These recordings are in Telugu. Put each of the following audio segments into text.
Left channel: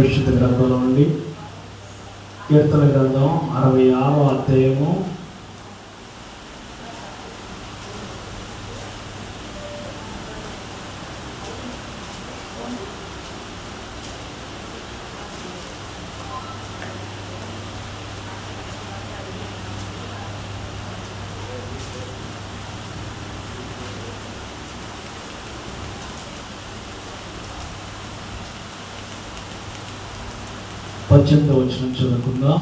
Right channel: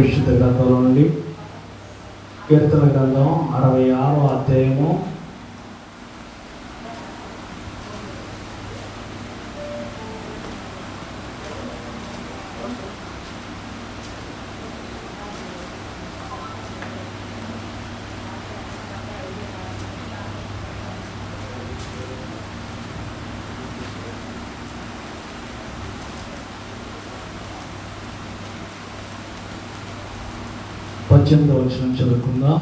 పరిశుద్ధ గ్రంథం నుండి కీర్తన గ్రంథం 66వ అధ్యాయము 18వ వచనం చదువుకుందాం.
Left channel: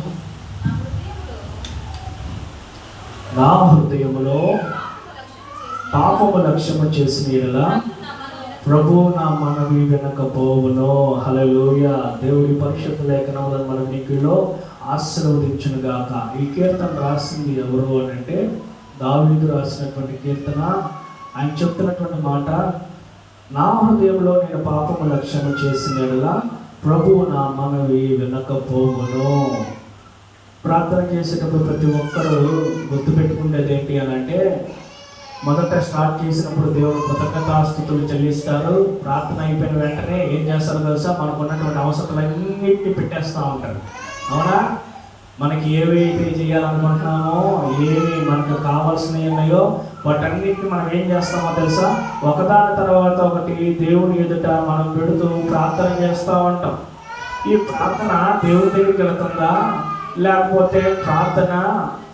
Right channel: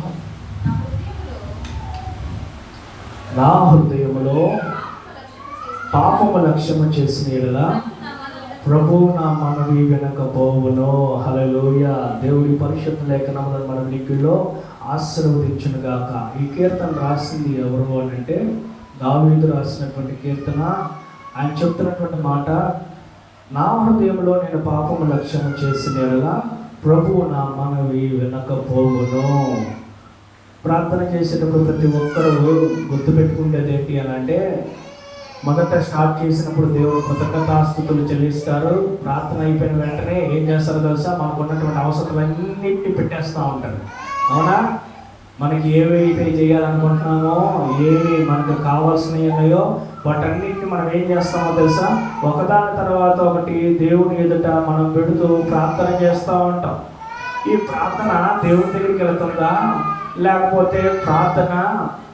నా హృదయములో పాపము లక్ష్యము చేసిన యెడల ప్రభు నా మనవి వినకపోవును. హల్లెలూయా. దేవుడి పరిశుద్ధ లేఖనములను మన వినికిడిలో ఆశీర్వదించును గాక. ఈ కీర్తన రాసింది ఎవరు అంటే దావీదు రాసినటువంటి కీర్తన. ఆయన చెప్తున్నటువంటి మాట, నా హృదయంలో నేను పాపము లక్ష్యము చేసిన యెడల ప్రభువు నా మనవి వినకపోవును. ప్రార్థన చేసేటప్పుడు ప్రతి ఒక్కరూ గుర్తుపెట్టుకునేది ఏంటి అని అంటే, మొదట స్టార్ట్ చేసినప్పుడు దేవుడు కృతజ్ఞతాస్తుతులు చెల్లిస్తారు. ప్రార్థన అయిపోయిన వెంటనే ఏం చేస్తారు తెలుసా? మనకు ఉన్నటువంటి అవసరాలన్నింటినీ పెట్టేస్తూ ఉంటారు. అవునా? మనకి ఏవైతే చేయాలనుకుంటున్నామో, ఏవి మనకు కావాల్సినవి ఉన్నాయో వాటన్నిటిని మనం ఏం చేస్తామో తెలుసా? ఒకదాని తర్వాత ఒకటి దేవుని ఎదుట మనం పెడుతూ ప్రార్థన చేస్తూ ఉంటాం. ఈ ప్రార్థన దేవుడి దగ్గరికి వెళ్తుందా, లేకపోతే ప్రార్థన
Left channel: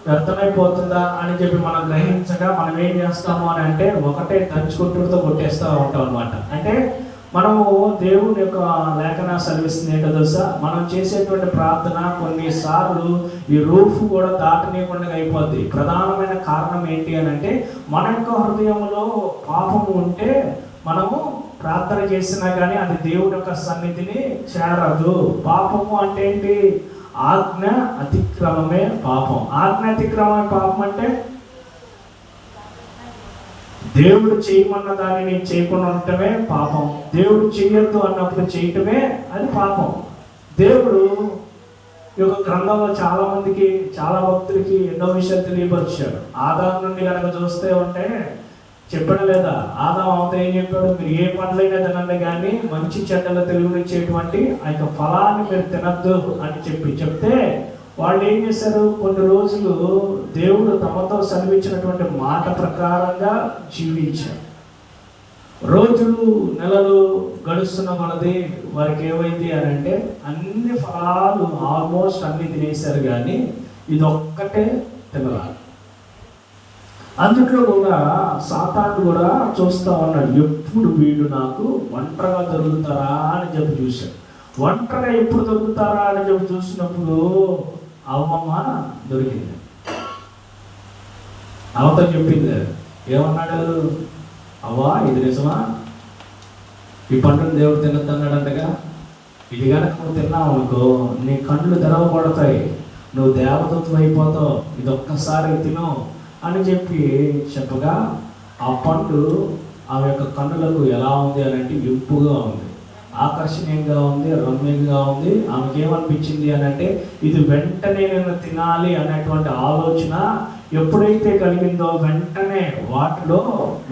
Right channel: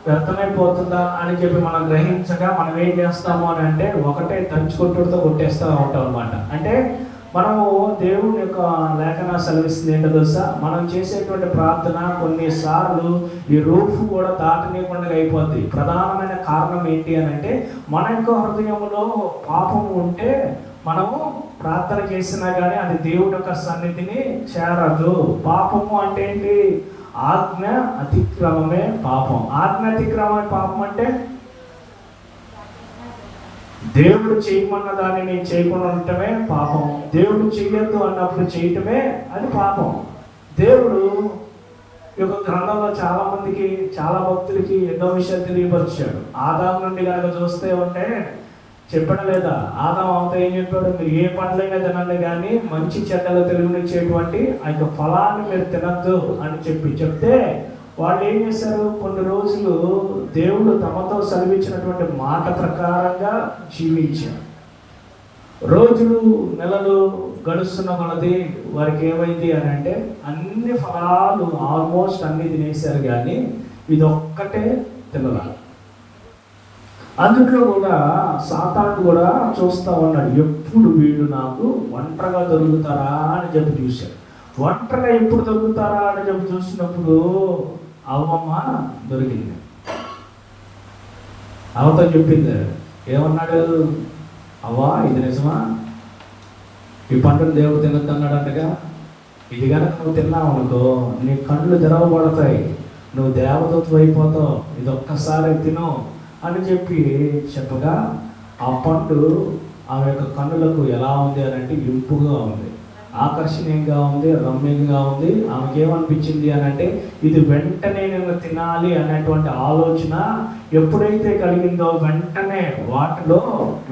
వ్యర్థమైపోతుందా అని చెప్పి మనం గ్రహించగా మనం ఏం చేస్తాము అని అంటే ఒకటే దంచుకుంటుతో కొట్టేస్తూ ఉంటాం అన్నమాట. అంటే మనము దేవుని యొక్క లేఖన సెలవిస్తుంది ఏంటో తెలుసా? మనం చేసేటువంటి ప్రార్థన కొన్నిసార్లు ఈ రూఫ్ కూడా దాటనీయకుండా అయిపోద్ది. ప్రధానమైన కారణం ఏంటి అని అంటే, మన యొక్క హృదయంలో పాపము ఉంటే మనము ప్రార్థన చేసినా కానీ అది దేవుడి యొక్క సన్నిధిని చేరదు. పాపము అంటే ఏంటి? ఆజ్ఞ అతిక్రమమే పాపం. ఆజ్ఞ అతిక్రమమే పాపం అంటే దేవుడు చేయమన్న దానిని చేయకుండా ఉండటమే పాపం. దేవుడు చేయొద్దు అన్నప్పుడు చేయటమే అది పాపం. దేవుడు ఈ యొక్క గ్రంథంలో చాలా మందికి, చాలా భక్తులకి ఎన్నో విషయాలు తెలియపరిచాడు. ఆదాము నుండి కనుక చూస్తే ఉంటే చెప్పడం లేదా? ఆదాము అవత ఏం చెప్పాడు? మీరు ఏ పండ్లైనా తినండి కానీ మంచి చెడ్డలు తెలివినిచ్చేటువంటి ఆ యొక్క ఫలాన్ని మీరు తినద్దు అని చెప్తే వాళ్ళు ఏం చేశారు? కొన్ని రోజులు దేవుడు తమతో సెలవిచ్చినటువంటి మాట ప్రకారంగా జీవించారు. రోజులు నెలలు గడుస్తున్న కొలది వారికి ఏమైంది అని అంటే అన్ని ఫలాలు ఆల్మోస్ట్ అన్ని తినేశారు కానీ ఇది ఒక్కటే తినలేదు. అందుట్లో కూడా సాతాను కూడా చూస్తూ ఉన్నాడు, ఎప్పుడు వీళ్ళు నాకు ఒంటరిగా దొరుకుతారా అని చెప్పి చూశాడు. ఒంటరిగా ఎప్పుడు దొరుకుతారా అని చెప్పి చూసినప్పుడు అవ్వమ్మ దొరికింది. అవత చెప్పింది, ఏమన్నాడు? అవ్వా, ఇది నిజమా? ఈ పంటను దేవుడు తినద్దు అన్నాడంటగా. ఇది కనుక నువ్వు తిన్నావు అనుకో నీ కళ్ళు తెరవబడతాయి, నువ్వు దేవతత్వం అయిపోతావు, ఇది ఒక్కసారి తిను అని చెప్పగా ఆ పండు ఆ యొక్క కన్నులకు ఎలా ఉంది అని అంటే ఇంపుగా ఉంది, ఆకర్షణీయంగా ఉంది, రమ్యంగా ఉంది. ఆమెకి ఏమనిపించింది అని అంటే ఇది వెంటనే నేను తినాలి అనేటువంటి ఆలోచన ఎప్పుడైతే కలిగిందో వెంటనే వాటిలో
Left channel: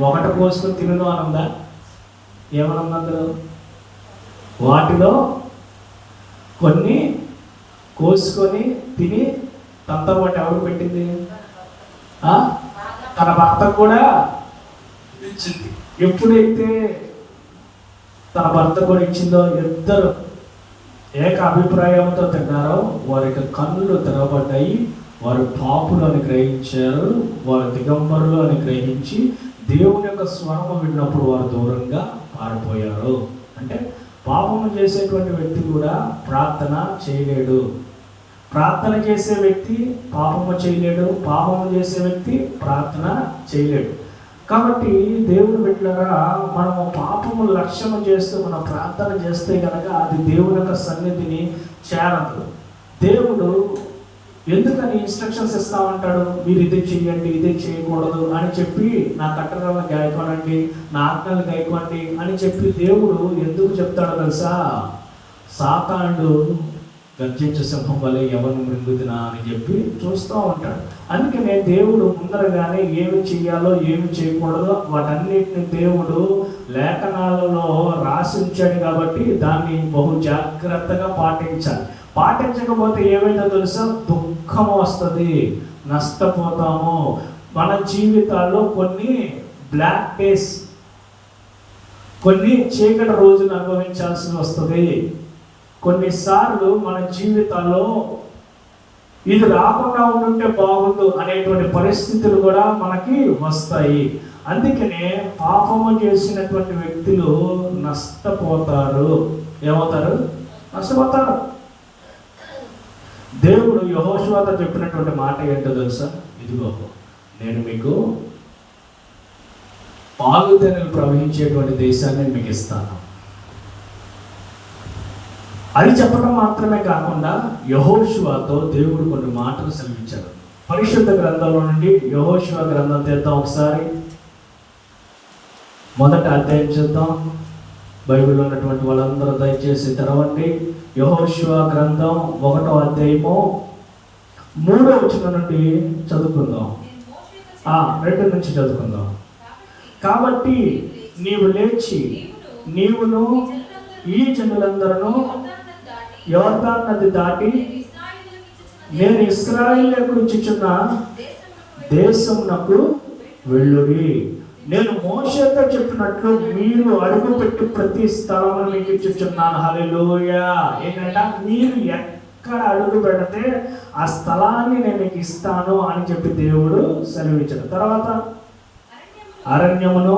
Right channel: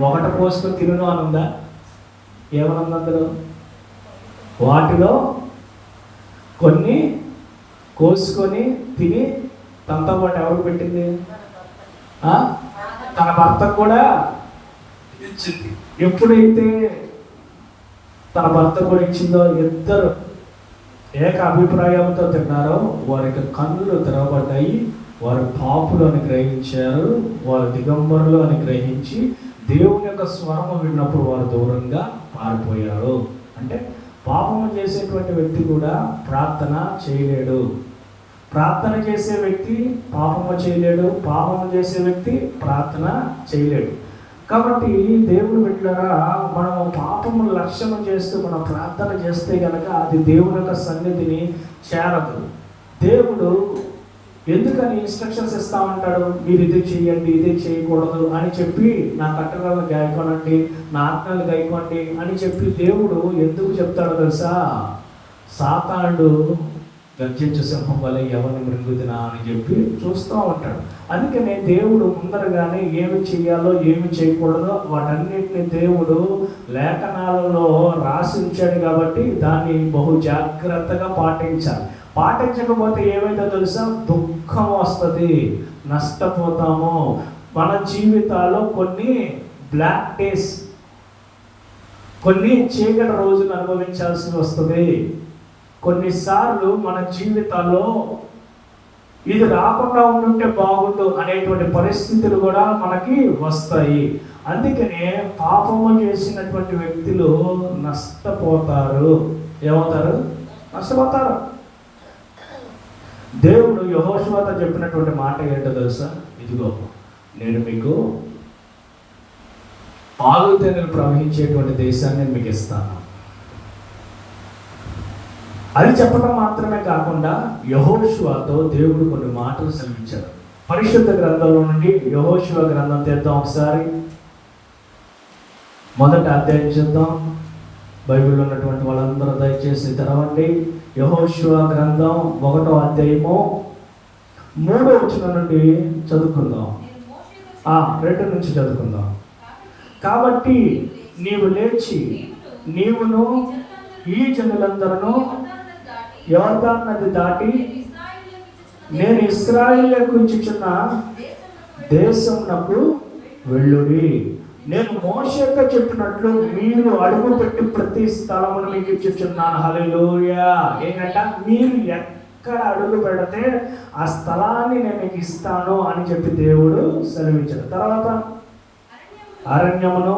ఒకటి కోసుకొని తినను అనుందా? ఏమనుంది అందులో? వాటిలో కొన్ని కోసుకొని తిని తనతో పాటు ఎవరు పెట్టింది? తన భర్తకు కూడా ఇచ్చింది. ఎప్పుడైతే తన భర్త కూడా ఇచ్చిందో ఇద్దరు ఏక అభిప్రాయంతో తిన్నారో వారి యొక్క కన్నులు తెరవబడ్డాయి. వారు పాపులు అని గ్రహించారు, వారు దిగంబరులు అని గ్రహించి దేవుని యొక్క స్వరము విన్నప్పుడు వారు దూరంగా పారిపోయారు. అంటే పాపము చేసేటువంటి వ్యక్తి కూడా ప్రార్థన చేయలేడు. ప్రార్థన చేసే వ్యక్తి పాపము చేయలేడు, పాపము చేసే వ్యక్తి ప్రార్థన చేయలేడు. కాబట్టి దేవుడు బిడ్డలారా, మనం పాపము లక్ష్యం చేస్తూ మనం ప్రార్థన చేస్తే కనుక అది దేవుడి యొక్క సన్నిధిని చేరదు. దేవుడు ఎందుకని ఇన్స్ట్రక్షన్స్ ఇస్తా ఉంటాడు? మీరు ఇది చేయండి, ఇది చేయకూడదు అని చెప్పి నా కట్టడాలను గాయకోనండి, నా ఆజ్ఞలు గాయకోండి అని చెప్పి దేవుడు ఎందుకు చెప్తాడో తెలుసా? సాతానుడు గర్జించే సింహం వల్ల ఎవరిని మృంగుతున్నా అని చెప్పి చూస్తూ ఉంటాడు. అందుకనే దేవుడు ముందరగానే ఏమి చెయ్యాలో ఏమి చేయకూడదో వాటన్నిటిని దేవుడు లేఖనాలలో రాసి ఉంచాడు కాబట్టి దాన్ని బహు జాగ్రత్తగా పాటించాలి. పాటించకపోతే ఏమైందో తెలుసా, దుఃఖం వస్తుంది, నష్టపోతాము. మన జీవితాల్లో కొన్ని బ్లాక్ డేస్, కొన్ని చీకటి రోజులు అనుభవించాల్సి వస్తుంది. కొన్నిసార్లు మన జీవితాల్లో ఇది రాకుండా ఉంటే బాగుండు అనేటువంటి పరిస్థితులు కూడా మనకి వస్తాయి. అందుకనే పాపము చేసినటువంటి వ్యక్తులు నష్టపోతారు. ఏమవుతారు? నష్టపోతారు. దేవుడు యెహోషువతో చెప్పినటువంటి మాట ఏంటో తెలుసా, ఇదిగో నేను మీకు పాలు తేనెలు ప్రవహించేటువంటి దేశాన్ని మీకు ఇస్తాను. అది చెప్పడం మాత్రమే కాకుండా యెహోషువతో దేవుడు కొన్ని మాటలు సెలవించాడు. పరిశుద్ధ గ్రంథంలో నుండి యెహోషువ గ్రంథం తెద్దాం ఒకసారి. మొదటి అధ్యాయం చూద్దాం. బైబిల్లో ఉన్నటువంటి వాళ్ళందరూ దయచేసి తెరవండి. యెహోషువ గ్రంథం 1వ అధ్యాయము 3వ వచనం నుండి చదువుకుందాం. 2 నుంచి చదువుకుందాం. కాబట్టి నీవు లేచి నీవును ఈ జనులందరూ యోర్దాను నది దాటి నేను ఇశ్రాయేలుకు ఇచ్చుచున్న దేశమునకు వెళ్ళుడి. నేను మోషేతో చెప్పినట్లు మీరు అడుగుపెట్టి ప్రతి స్థలమును మీకు ఇచ్చుచున్నాను. హల్లెలూయా. ఏంటంటే మీరు ఎక్కడ అడుగు పెడితే ఆ స్థలాన్ని నేను మీకు ఇస్తాను అని చెప్పి దేవుడు సెలవిచ్చాడు. తర్వాత అరణ్యమును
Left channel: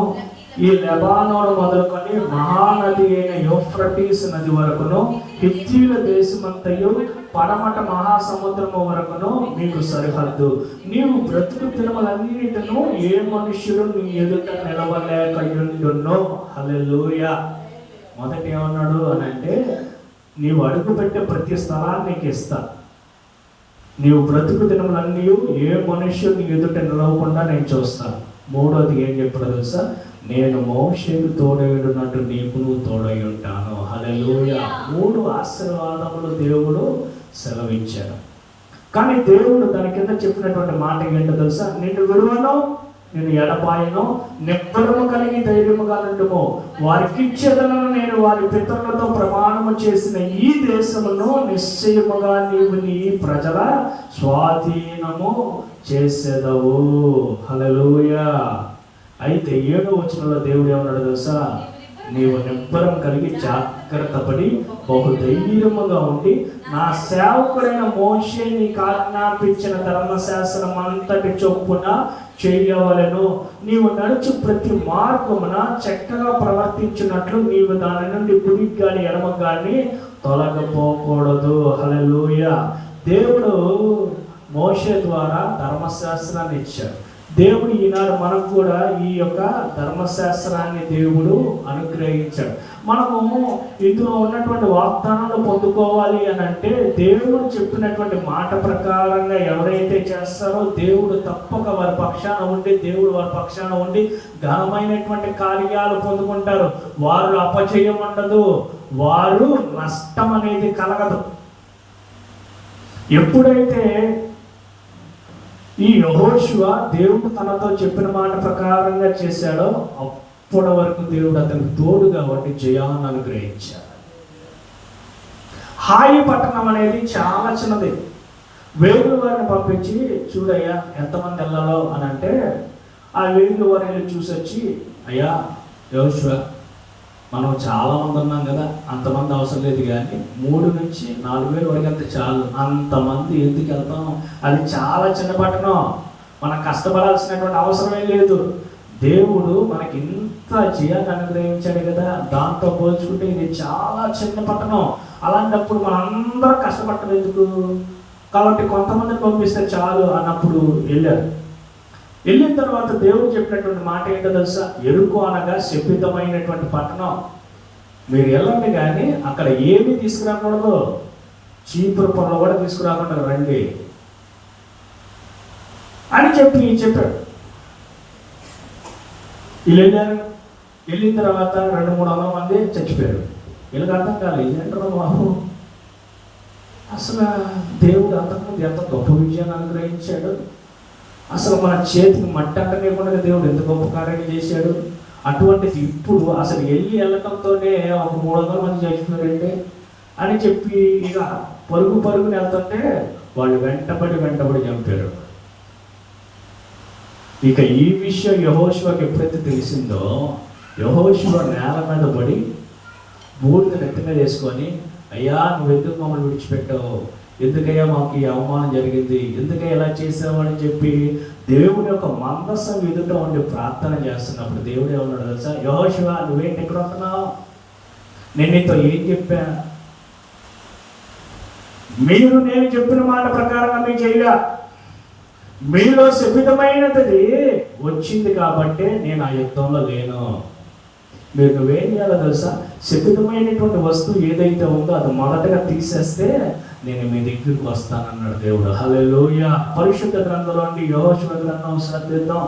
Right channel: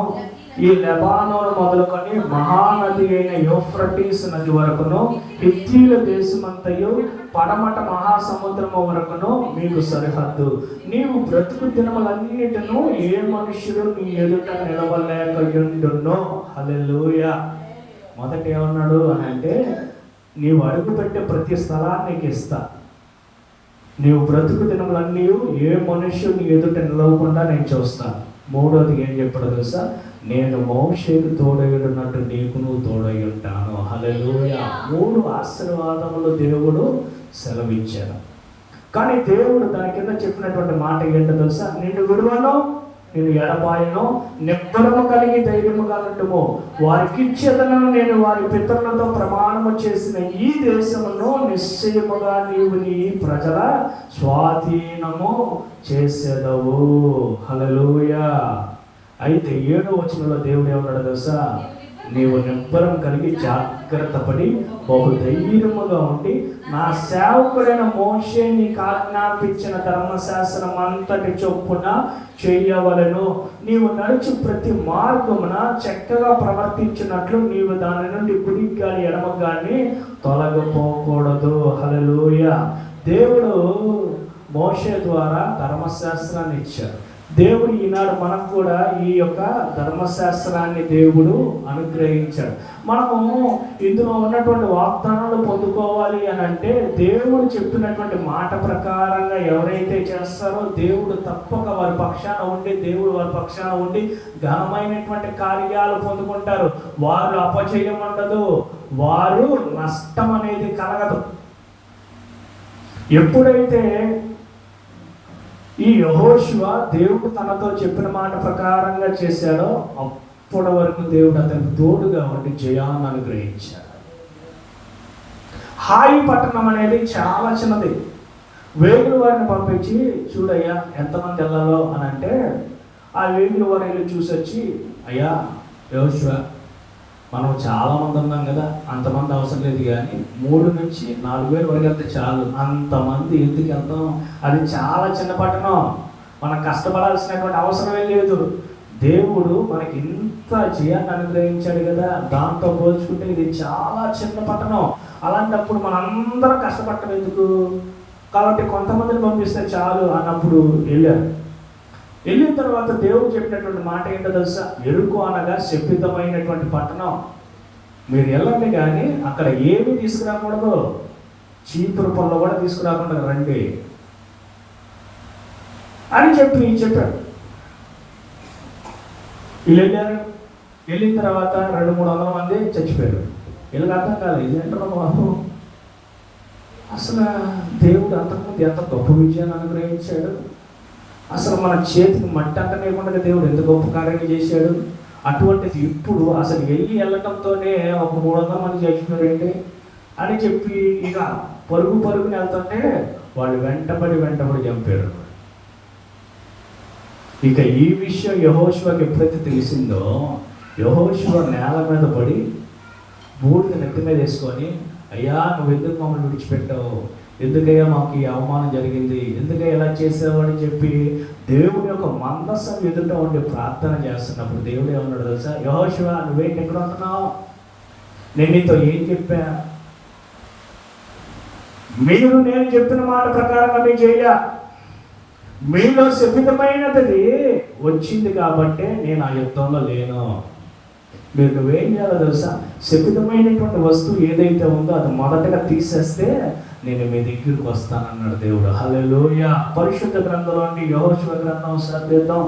ఈ లెబానోను మొదలుకొని మహానది అయిన యూఫ్రటీస్ నది వరకును హిత్తీయుల దేశమంతయు పడమట మహాసముద్రము వరకును మీకు సరిహద్దు. నీవు బ్రతుకు దినములన్నిటిను ఏ మనుష్యుడు నీ ఎదుట నిలవలేకయుండునో. హల్లెలూయా. మొదట ఏమన్నాడు అని అంటే, నీవు అడుగు పెట్టే ప్రతి స్థలాన్ని నీకు ఇస్తా. నీవు బ్రతుకు దినములన్నీ ఏ మనుష్యుడు నీ ఎదుట నిలవకుండా నేను చూస్తాను. మూడోది ఏం చెప్పాడు తెలుసా, నేను మోషేకు తోడైనట్టు నీకు తోడై ఉంటాను. హల్లెలూయా. 3 ఆశీర్వాదములు దేవుడు సెలవిచ్చాడు. కానీ దేవుడు దాని కింద చెప్పినటువంటి మాట ఏంటో తెలుసా, నిన్ను విడువను, నేను ఎడబాయను, నిబ్బరము కలిగి ధైర్యముగా నుండుము. వారికి ఇచ్చేదలను నేను వారి పితరులతో ప్రమాణము చేసిన ఈ దేశమును నిశ్చయముగా నీవు నీ ప్రజల స్వాధీనము చేసేదవు. హల్లెలూయా. అయితే 7వ వచనంలో దేవుడు ఏమన్నాడు తెలుసా, నీవు నిబ్బరం కలిగి జాగ్రత్త పడి బహు ధైర్యముగా ఉండి నా సేవకుడైన మోషే నీకు ఆజ్ఞాపించిన ధర్మశాస్త్రం అంతటి చొప్పున చేయవలెను. నీవు నడుచు ప్రతి మార్గమున చక్కగా ప్రవర్తించినట్లు నీవు దాని నుండి కుడి గాని ఎడమ గాని తొలగిపోకూడదు. హల్లెలూయా. దేవుడు మోషే ద్వారా ధర్మశాస్త్రాన్ని ఇచ్చాడు. దేవుడు ఈనాడు మనకు కూడా ఈ యొక్క ధర్మశాస్త్రాన్ని దేవుడు అనుగ్రహించాడు. మనము ఇందులో ఉన్నటువంటి వాగ్దానాలు పొందుకోవాలి అని అంటే దేవుడు చెప్పినటువంటి మాట ప్రకారంగా ఎవరైతే చేస్తారో దేవుడు తప్పక వారి పక్షాన ఉండి ఘనమైనటువంటి కార్యాలు పొందుకుంటారు. వారు అపజయం ఉండదు, వారు నష్టం అనేది కలగదు. ఎప్పుడైతే ఈ యెహోషువ దేవుడు తనతో చెప్పిన మాట ప్రకారంగా చేశాడో అప్పటి వరకు దేవుడు అతనికి తోడుగా ఉండి జయాన్ని అనుగ్రహించాడు. హాయి పట్టణం అనేది చాలా చిన్నది. వేగుల వారిని పంపించి చూడయ్యా ఎంతమంది వెళ్ళాలో అని అంటే, ఆ వేగుల వారు వెళ్ళి చూసొచ్చి, అయ్యా యెహోషువ మనం చాలా మంది ఉన్నాం కదా, అంతమంది అవసరం లేదు, కానీ 3 నుంచి 4 వేలు వరకు వెళ్తే చాలు. అంతమంది ఎందుకు వెళ్తాం? అది చాలా చిన్న పట్టణం, మనం కష్టపడాల్సినటువంటి అవసరమే లేదు. దేవుడు మనకి ఇంత జయాన్ని అనుగ్రహించాడు కదా, దాంతో పోల్చుకుంటే ఇది చాలా చిన్న పట్టణం. అలాంటప్పుడు మనం అందరం కష్టపడటం ఎందుకు? కాబట్టి కొంతమందిని పంపిస్తే చాలు అన్నప్పుడు వెళ్ళారు. వెళ్ళిన తర్వాత దేవుడు చెప్పినటువంటి మాట ఏంటో తెలుసా, ఎరుకు అనగా శపితమైనటువంటి పట్టణం, మీరు వెళ్ళండి కానీ అక్కడ ఏమీ తీసుకురాకూడదు, చీపురు పనులు కూడా తీసుకురాకుండా రండి అని చెప్పాడు. వీళ్ళు వెళ్ళారు. వెళ్ళిన తర్వాత 200-300 మంది చచ్చిపోయారు. వీళ్ళకి అర్థం కాలేదు, ఇదేంటారు బాబు అసలు దేవుడు అంతకుముందు ఎంత గొప్ప విజయాన్ని అనుగ్రహించాడు. అసలు మన చేతికి మట్టి అంటలేకుండా దేవుడు ఎంత గొప్ప కార్యాన్ని చేశాడు. అటువంటిది ఇప్పుడు అసలు వెళ్ళటంతోనే ఒక 300 మంది చచ్చిపోయారండి అని చెప్పి ఇక పరుగుని వెళ్తుంటే వాళ్ళు వెంటబడి చంపారు. ఇక ఈ విషయం యెహోషువకి ఎప్పుడైతే తెలిసిందో, యెహోషువ నేల మీద పడి బూడిద నెత్తి మీద వేసుకొని, అయ్యా నువ్వు ఎందుకు మమ్మల్ని విడిచిపెట్టావు, ఎందుకయ్యా మాకు ఈ అవమానం జరిగింది, ఎందుకయ్యా ఇలా చేసావు అని చెప్పి దేవుడి యొక్క మందసం ఎదుట ఉండి ప్రార్థన చేస్తున్నప్పుడు దేవుడు ఏమన్నాడు తెలుసా? యెహోషువ నువ్వేంటి ఎక్కడ ఉంటున్నావు, నేను నీతో ఏం చెప్పా, మీరు నేను చెప్పిన మాట ప్రకారంగా మీరు చేయలే, మీలో శపితమైనది వచ్చింది కాబట్టి నేను ఆ యుద్ధంలో లేను. నువ్వేం చేయాలో తెలుసా? శపితమైనటువంటి వస్తువు ఏదైతే ఉందో అది మొదటగా తీసేస్తే నేను మీ దగ్గరికి వస్తానన్నాడు దేవుడు. హల్లెలూయా. పరిశుద్ధ గ్రంథంలో నుండి యెహోషువ గ్రంథం చదివేద్దాం.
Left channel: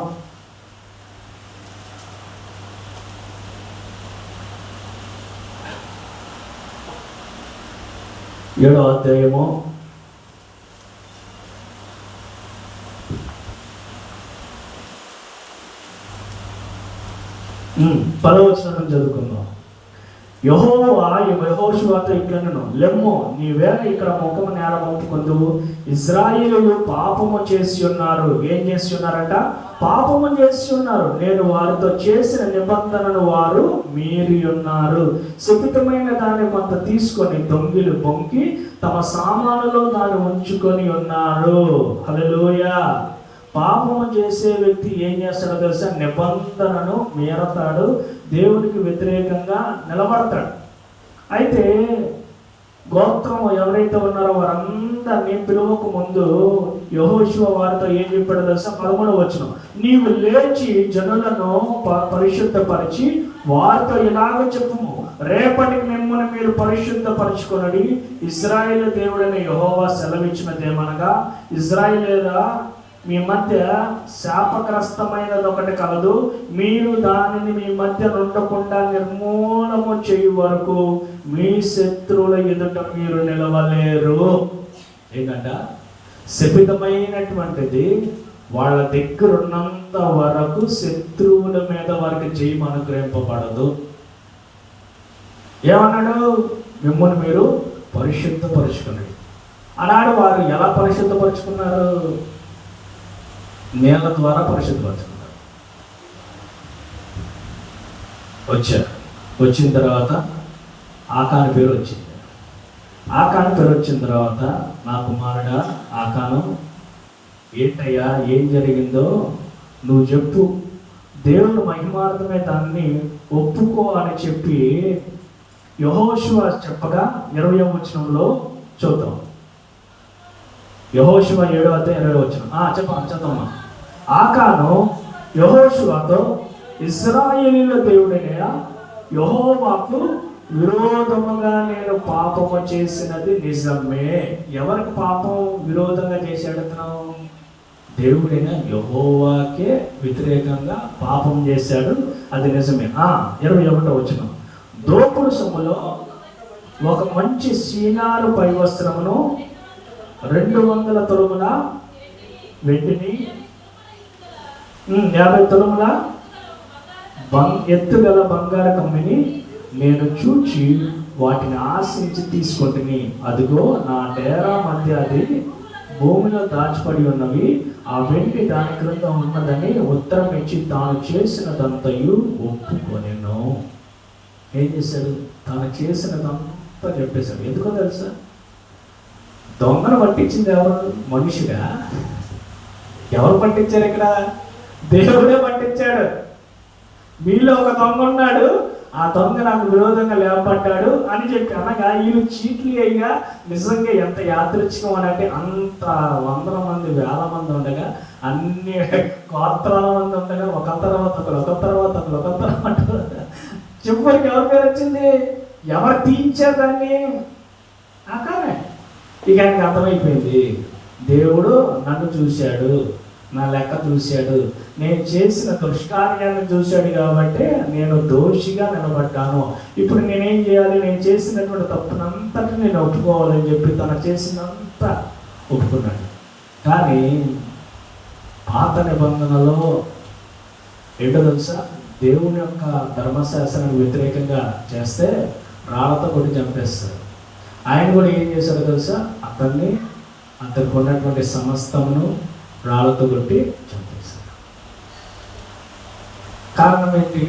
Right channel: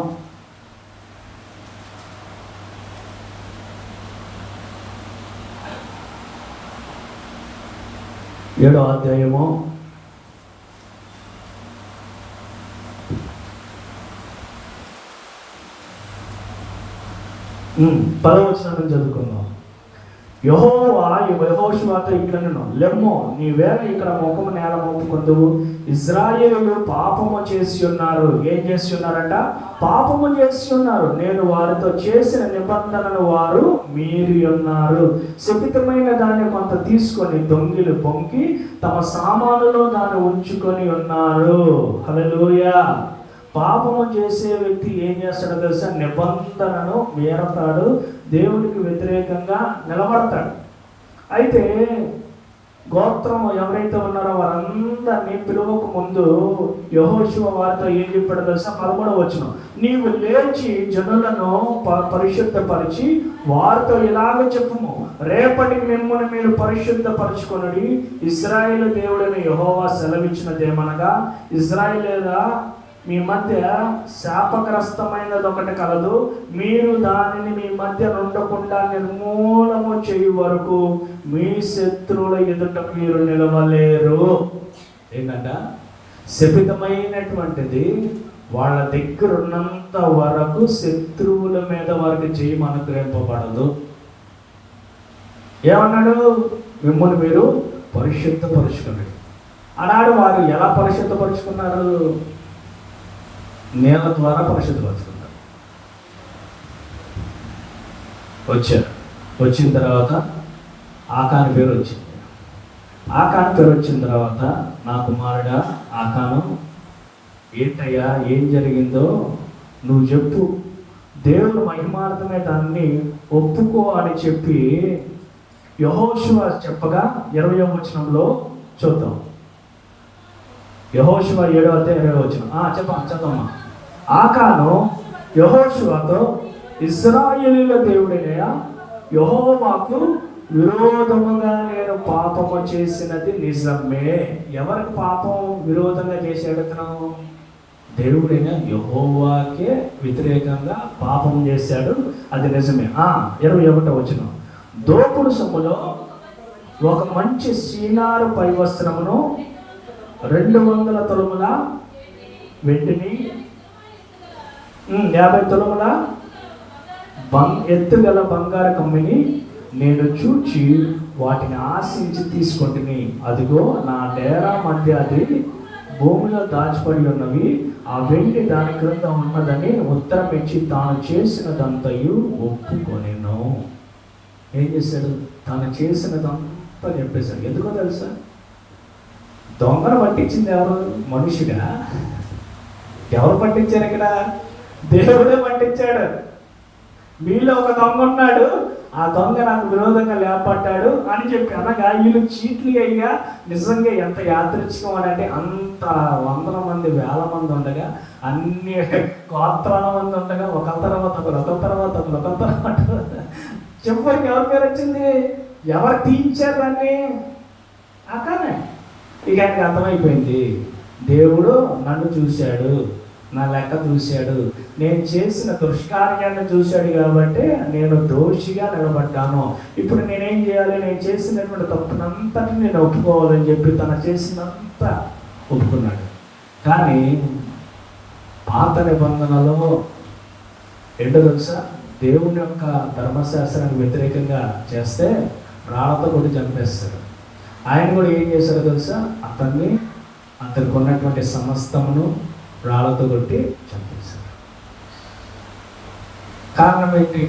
7వ అధ్యాయము 10వ వచనం చదువుకుందాం. యెహోవా యెహోషువతో ఇట్లనెను, లెమ్ము నీవేళ ఇక్కడ ముఖము నేల మోపుకొందువు, ఇశ్రాయేలీయులు పాపము చేసి ఉన్నారు. ఏం చేసి ఉన్నారట? పాపము చేసి ఉన్నారు. నేను వారితో చేసిన నిబంధనను వారు మీరి ఉన్నారు. శపితమైన దాన్ని కొంత తీసుకొని దొంగిలు పొంకి తమ సామానులో దాన్ని ఉంచుకొని ఉన్నారు. హల్లెలూయా. పాపము చేసే వ్యక్తి ఏం చేస్తాడో తెలుసా? నిబంధనను మీరతాడు, దేవుడికి వ్యతిరేకంగా నిలబడతాడు. అయితే గోత్రం ఎవరైతే ఉన్నారో వారందరినీ పిలువక ముందు యెహోషువ వారితో ఏం చెప్పాడో తెలుసా? 13వ వచనం, నీవు లేచి జనులను పరిశుద్ధపరిచి వారితో ఇలాగ చెప్పుము, రేపటికి మిమ్మల్ని మీరు పరిశుద్ధపరచుకొనడి. ఇశ్రాయేలు దేవుడైన యెహోవా సెలవిచ్చినదేమనగా, ఇశ్రాయేలీయులారా మీ మధ్య శాపగ్రస్తమైనది ఒకటి కలదు, మీరు దానిని మీ మధ్య ఉండకుండా నిర్మూలము చేయు వరకు మీ శత్రువుల ఎదుట మీరు నిలవలేరు. ఏంటంట? శపితమైనటువంటిది వాళ్ళ దగ్గర ఉన్నంత వరకు శత్రువుల మీద వారికి జయం అనుగ్రహింపబడదు. ఏమన్నాడు? మిమ్మల్ని మీరు పరిశుద్ధపరుచుకున్నాడు. ఆనాడు వారు ఎలా పరిశుద్ధపరుచుకున్నారు? నీళ్ళ ద్వారా పరిశుద్ధపరచుకున్నారు. వచ్చిన తర్వాత ఆకాను పేరు వచ్చింది. ఆకాను పేరు వచ్చిన తర్వాత, నా కుమారుడా ఆకాను, ఏంటయ్యా ఏం జరిగిందో నువ్వు చెప్పు, దేవుడు మహిమార్థమే దాన్ని ఒప్పుకో అని చెప్పి యెహోషువ చెప్పగా 20వ వచనంలో చూద్దాం. యెహోషువ 7వ అధ్యాయం 2వ వచనం. చదవమ్మా. ఆకాను యెహోషువతో, ఇశ్రాయేలీయుల దేవుడైన యెహోవాకు విరోధముగా నేను పాపము చేసినది నిజమే. ఎవరికి పాపం విరోధంగా చేశాడు అతను? దేవుడైన యెహోవాకే వ్యతిరేకంగా పాపం చేశాడు, అది నిజమే. 21వ వచనం, దోపుడు సొమ్ములో ఒక మంచి సీనారు పై వస్త్రమును 200 తులముల వెండిని 50 తులముల ఎత్తుగల బంగారు కమ్మిని నేను చూచి వాటిని ఆశించి తీసుకుంటుని, అదిగో నా డేరా మధ్య అది భూమిలో దాచిపడి ఉన్నవి, ఆ వెండి దాని క్రింద ఉన్నదని ఉత్తరం ఇచ్చి తాను చేసినదంతయు ఒప్పుకొనెను. ఏం చేశాడు? తాను చేసినదంతా చెప్పేశాడు. ఎందుకో తెలుసా? దొంగను పట్టించింది ఎవరు? మనుషుగా? ఎవరు పట్టించారు? ఇక్కడ దేవుడే పట్టించాడు. మీలో ఒక దొంగ ఉన్నాడు, ఆ దొంగ నాకు విరోధంగా లేపడ్డాడు అని చెప్పి అనగా వీళ్ళు చీట్లు అయ్యా నిజంగా ఎంత యాదృచ్ఛికం అని అంటే, అంత 100 మంది 1000 మంది ఉండగా, అన్ని గోత్రాల మంది ఉండగా, ఒక తర్వాత చెప్పరికి ఎవరి పేరు వచ్చింది? ఎవరు తీయించారు దాన్ని? ఆకానే. ఇక ఆయనకి అర్థమైపోయింది, దేవుడు నన్ను చూశాడు, నా లెక్క చూశాడు, నేను చేసిన దుష్కార్యాన్ని చూశాడు కాబట్టి నేను దోషిగా నిలబడ్డాను. ఇప్పుడు నేనేం చేయాలి? నేను చేసినటువంటి తప్పునంతటి నేను ఒప్పుకోవాలని చెప్పి తను చేసినంత ఒప్పుకున్నాడు. కానీ పాత నిబంధనలో ఏంటో తెలుసా, దేవుని యొక్క ధర్మశాస్త్రానికి వ్యతిరేకంగా చేస్తే రాళ్లతో కూడా చంపేస్తాడు. ఆయన కూడా ఏం చేశాడో తెలుసా, అతనికి ఉన్నటువంటి సమస్తమును రాళ్లతో కొట్టి చంపేశాడు. కారణం ఏంటి?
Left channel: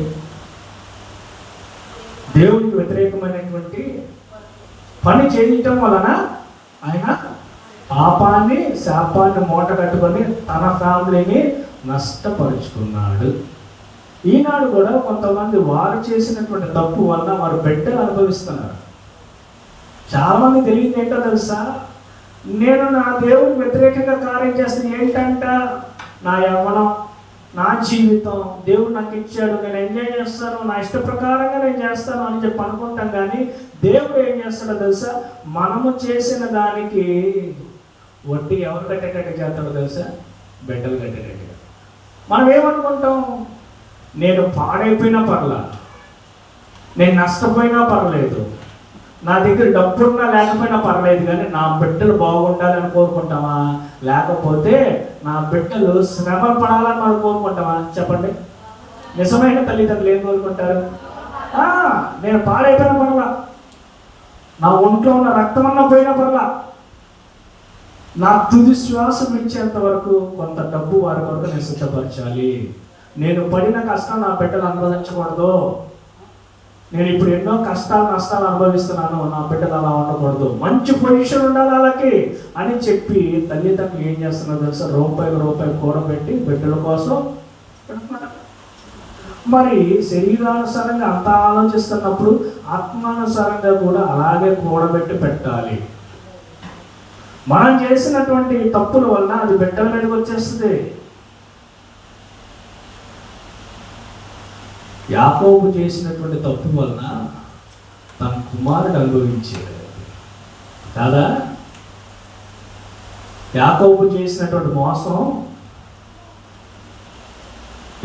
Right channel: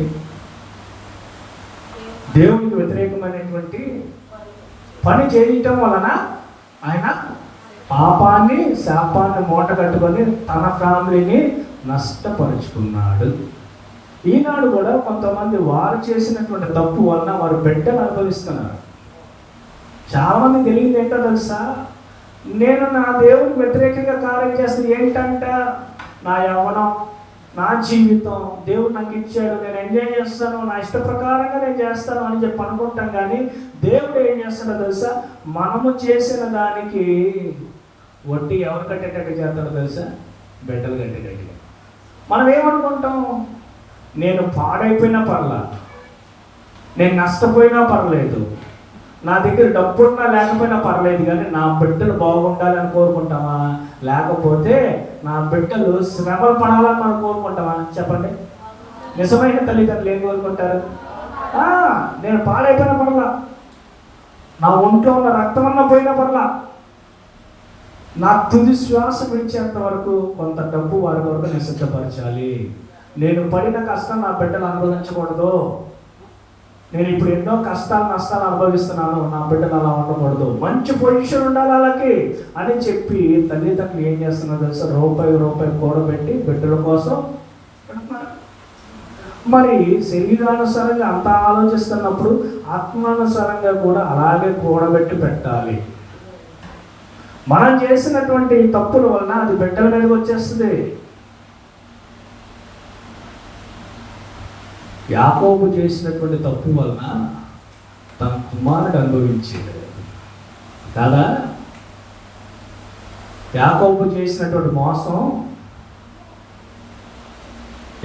దేవునికి వ్యతిరేకమైనటువంటి పని చేయటం వలన ఆయన పాపాన్ని, శాపాన్ని మూట కట్టుకొని తన ఫ్యామిలీని నష్టపరుచుకున్నాడు. ఈనాడు కూడా కొంతమంది వారు చేసినటువంటి తప్పు వలన వారు బిడ్డలు అనుభవిస్తున్నారు. చాలామంది తెలియదు ఏంటో తెలుసా, నేను నా దేవుడికి వ్యతిరేకంగా కార్యం చేస్తాను. ఏంటంట? నా యవ్వనం, నా జీవితం దేవుడు నాకు ఇచ్చాడు, నేను ఎంజాయ్ చేస్తాను, నా ఇష్ట ప్రకారంగా నేను చేస్తాను అని చెప్పి అనుకుంటాం. కానీ దేవుడు ఏం చేస్తాడో తెలుసా, మనము చేసిన దానికి వడ్డీ ఎవరు కట్టేటట్టు చేస్తాడో తెలుసా? బిడ్డలు కట్టేటట్టుగా. మనం ఏమనుకుంటాం? నేను పాడైపోయినా పర్లా, నేను నష్టపోయినా పర్లేదు, నా దగ్గర డబ్బున్నా లేకపోయినా పర్లేదు, కానీ నా బిడ్డలు బాగుండాలని కోరుకుంటామా? లేకపోతే నా బిడ్డలు శ్రమ పడాలని మనం కోరుకుంటామా? చెప్పండి. నిజమైన తల్లిదండ్రులు ఏం కోరుకుంటారు? నేను పాడైపోయిన పర్లా, నా ఒంట్లో ఉన్న రక్తం అన్న పోయిన పర్లా, నా తుది శ్వాస విడిచేంత వరకు కొంత డబ్బు వారి కొరకు నేను సిద్ధపరచాలి. నేను పడిన కష్టం నా బిడ్డలు అనుభవించకూడదు. నేను ఇప్పుడు ఎన్నో కష్టాలు, నష్టాలు అనుభవిస్తున్నాను, నా బిడ్డలు అలా ఉండకూడదు, మంచి పొజిషన్ ఉండాలి వాళ్ళకి అని చెప్పి తల్లిదండ్రులు ఏం చేస్తున్నారు తెలుసా? రూపాయి కూడబెట్టి బిడ్డల కోసం పెడుతున్నారు. మరి శరీరానుసారంగా అంత ఆలోచిస్తున్నప్పుడు ఆత్మానుసారంగా కూడా అలాగే కూడబెట్టి పెట్టాలి. మనం చేసినటువంటి తప్పుల వలన అది బిడ్డల మీదకి వచ్చేస్తుంది. యాకోబు చేసినటువంటి తప్పు వలన తన కుమారుడు అనుభవించాడు కాదా? యాకోబు చేసినటువంటి మోసం,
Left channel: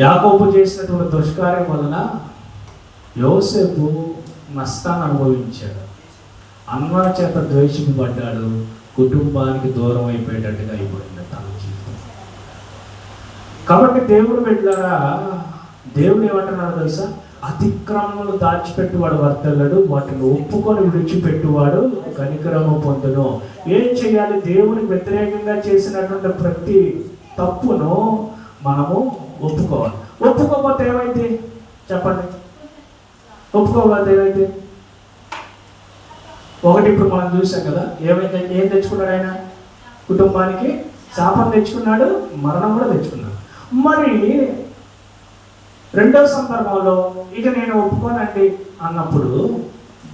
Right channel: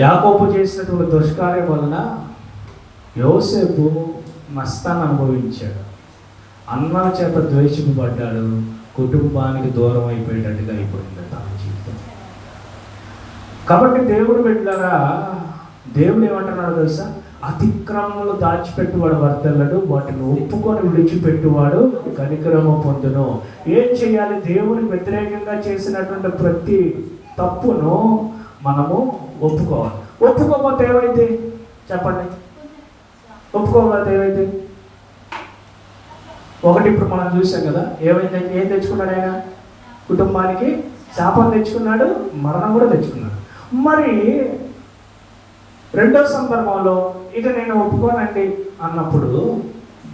యాకోబు చేసినటువంటి దుష్కార్యం వలన యోసేపు నష్టాన్ని అనుభవించాడు. అన్న చేత ద్వేషింపబడ్డాడు, కుటుంబానికి దూరం అయిపోయేటట్టుగా అయిపోయింది తన జీవితం. కాబట్టి దేవుడు బిడ్డలారా, దేవుడు ఏమంటున్నాడు తెలుసా? అతిక్రమములు దాచిపెట్టువాడు వర్తల్లడు, వాటిని ఒప్పుకొని విడిచిపెట్టువాడు కనికరము పొందును. ఏం చేయాలి? దేవునికి వ్యతిరేకంగా చేసినటువంటి ప్రతి తప్పును మనము ఒప్పుకోవాలి. ఒప్పుకోకపోతే ఏమైతే? చెప్పండి. ఒప్పుకోకపోతే ఏమైతే? ఒకటి ఇప్పుడు మనం చూసాం కదా, ఏమైతే? ఏం తెచ్చుకున్నాడు ఆయన? కుటుంబానికి శాపం తెచ్చుకున్నాడు, మరణం కూడా తెచ్చుకున్నాడు. మరి రెండవ సందర్భంలో ఇక నేను ఒప్పుకోనండి అన్నప్పుడు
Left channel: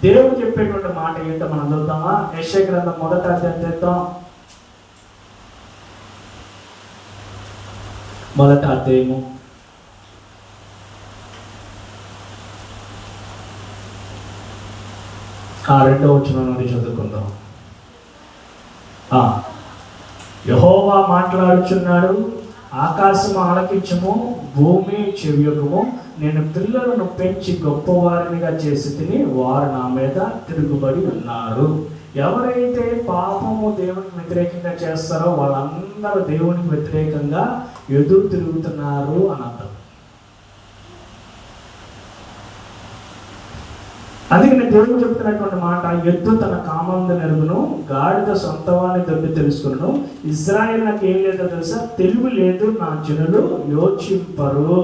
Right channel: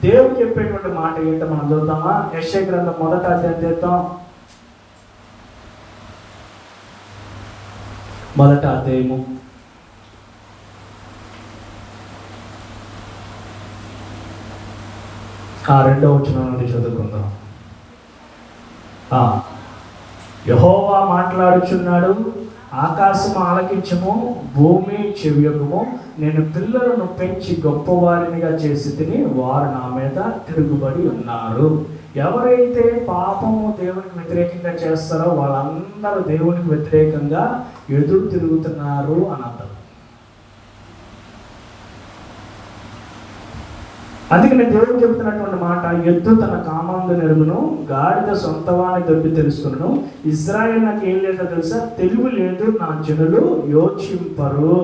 దేవుడు చెప్పేటువంటి మాట ఏంటో మనం చూద్దామా? యెషయా గ్రంథం 1వ అధ్యాయం చేద్దాం. 1వ అధ్యాయము 2వ వచనం నుండి చదువుకుందాం. యెహోవా మాట్లాడుచున్నాడు, ఆకాశం ఆలకించుము, భూమి చెవియొగ్గుము. నేను పిల్లలను పెంచి గొప్పవారినిగా చేసి తిని వారు నా మీద తిరుగుబడి ఉన్నారు. ఎవరైతే పాపము దేవునికి వ్యతిరేకంగా చేస్తారో వాళ్ళందరూ దేవునికి వ్యతిరేకంగా ఎదురు తిరుగుతున్నారు అని అంటారు. అందుకని దేవుడు చెబుతున్నటువంటి మాట, ఎద్దు తన కామందు నెరుగును, గాడిద సొంతవాని దొడ్డి తెలుసుకును. ఇజ్రాయేల్ నాకు ఏం లేదో తెలుసా? తెలివి లేదు, నా జనులు యోచింపరు.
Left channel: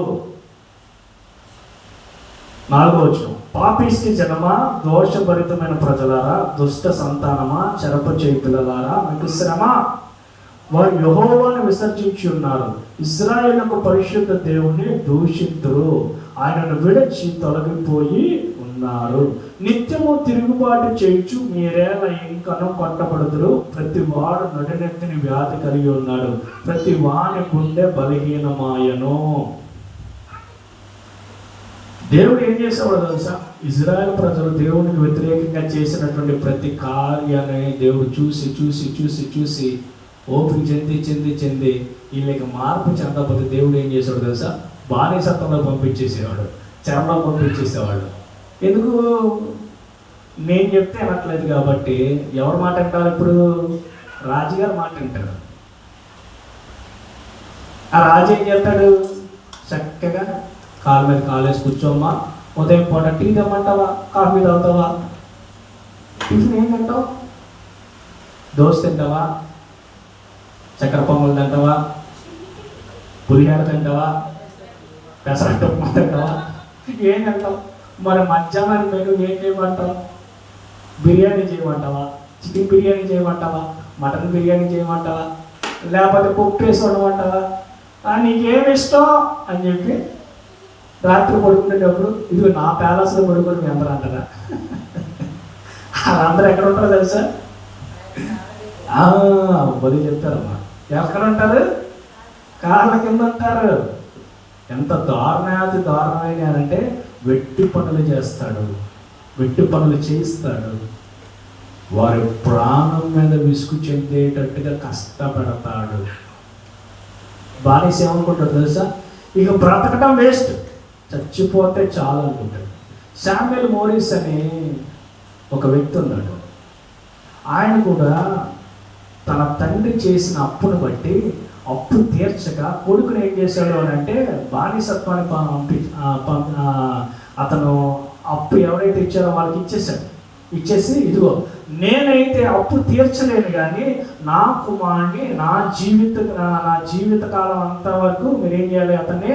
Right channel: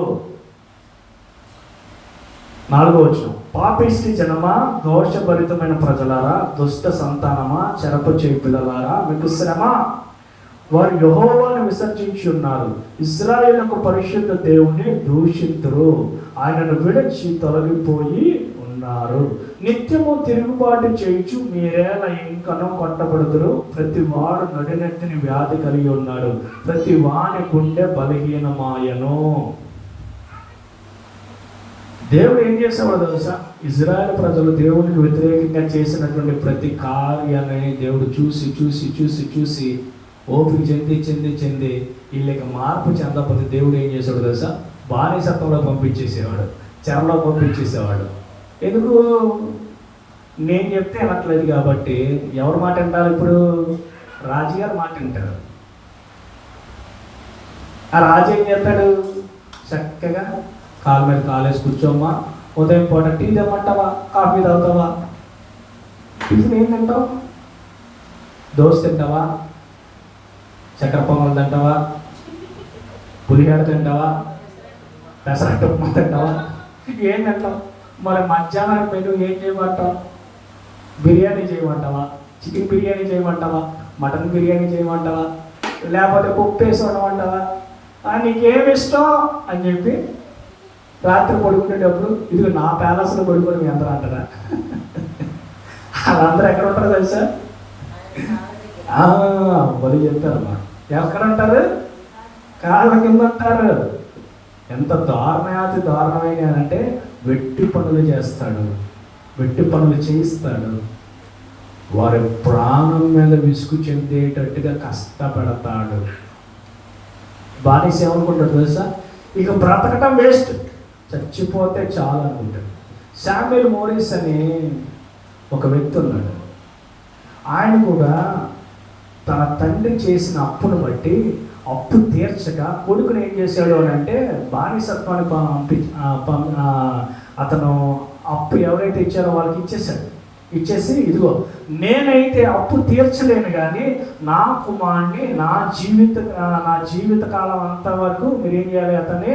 4వ వచనం, పాపిష్టి జనమా, దోషభరితమైన ప్రజలారా, దుష్ట సంతానమా, చెరపు చేయి పిల్లలారా, మీకు శ్రమ. వారు యెహోవాను విసర్జించి ఉన్నారు, ఇశ్రాయేలుకు పరిశుద్ధ దేవుని దూషితురు, ఆయనను విడిచి తొలగిపోయి ఉన్నారు. నిత్యము తిరుగుబాటు చేయుచు మీరేళ ఇంకనో కొట్టబడుదురు. ప్రతి వాడు నడినెత్తిని వ్యాధి కలిగి ఉన్నాడు, ప్రతి వాని గుండె బలహీనమాయను. దేవుడు ఏం చేసేవాడు తెలుసా? ఇజ్రాయెల్ ప్రజలు దేవునికి వ్యతిరేకంగా చేసినటువంటి ప్రతి కార్యాన్ని దేవుడు చూసి చూసి చూసి చూసి ఓపిక చెంది చెంది చెంది వీళ్ళకి మార్పు చెందకపోతే దేవుడు ఏం చేసాడు తెలుసా? బానిసత్వంలో పంపించేసేవాడు, చెరలో పంపించేసేవాడు. ఎందుకు? నేను చెప్తే అనట్లేదు కాబట్టి ఎవరి మాట వింటారు? ఇప్పుడు రాజుగారు మాట వింటాడు. ఆ రాజు ఏం చేస్తాడు? చక్కగా కాళ్ళ మీద కాలేసి కూర్చోమ్మా, ఉదయం పూట టీ తెమ్మంటావా, కాఫీ తాగుతావా, టిఫిన్ ఏం తింటావు, దోశ తింటావా, చక్కెర పొంగల్ తింటావా, పులిహార తింటావా, పెసరట్టు తింటావా, ఏం తింటావు? మరి మధ్యాహ్నం మీరు ఏం చేయమంటావు? బిర్యానీ చేయమంటావా, చికెన్ బిర్యానీ చేయమంటావా, మటన్ బిర్యానీ చేయమంటావా, లేకపోతే పప్పు వేసి ఉండమంటావా? నీకేమి ఇష్టం అని చెప్పి రాత్రి పడుకునేటప్పుడు ఇదిగో నా ప్యాలెస్లో పడుకుని మీ అందరూ అంటారా? వాళ్ళందరూ ఎక్కడ ఉంటారో తెలుసా? బలి చెప్తారు. ఎక్కడ ఉంటారు? కాళ్ళ కింద ఉంటారు. ఎంత దారుణాతి దారుణమైన అంటే వెట్టి పనులు చేస్తాడు, వెట్టి పనులు చేయిస్తాడు, వారి ప్రాణం మీద విసుగు చెందేటట్టుగా కష్టపడతాడు. బానిస ఏమనుకుంటాడు తెలుసా? ఇక బ్రతకటం వేస్ట్, చచ్చిపోతే చాలు అనుకుంటాడు. శామ్యూల్ మోరిస్ అని ఒక వ్యక్తి ఉన్నాడు. ఆయన కూడా తన తండ్రి చేసిన అప్పును బట్టి అప్పు తీర్చక కొడుకుని ఏం చేశాడు అని అంటే బానిసత్వానికి అతను అప్పు ఎవరైతే ఇచ్చారో వాళ్ళకి ఇచ్చేసాడు. ఇచ్చేసి ఇదిగో నేనైతే అప్పు తీర్చలేను కానీ నా కుమారుని నా జీవిత కాలం అంతా వరకు మీరేం చేయాలి? అతనే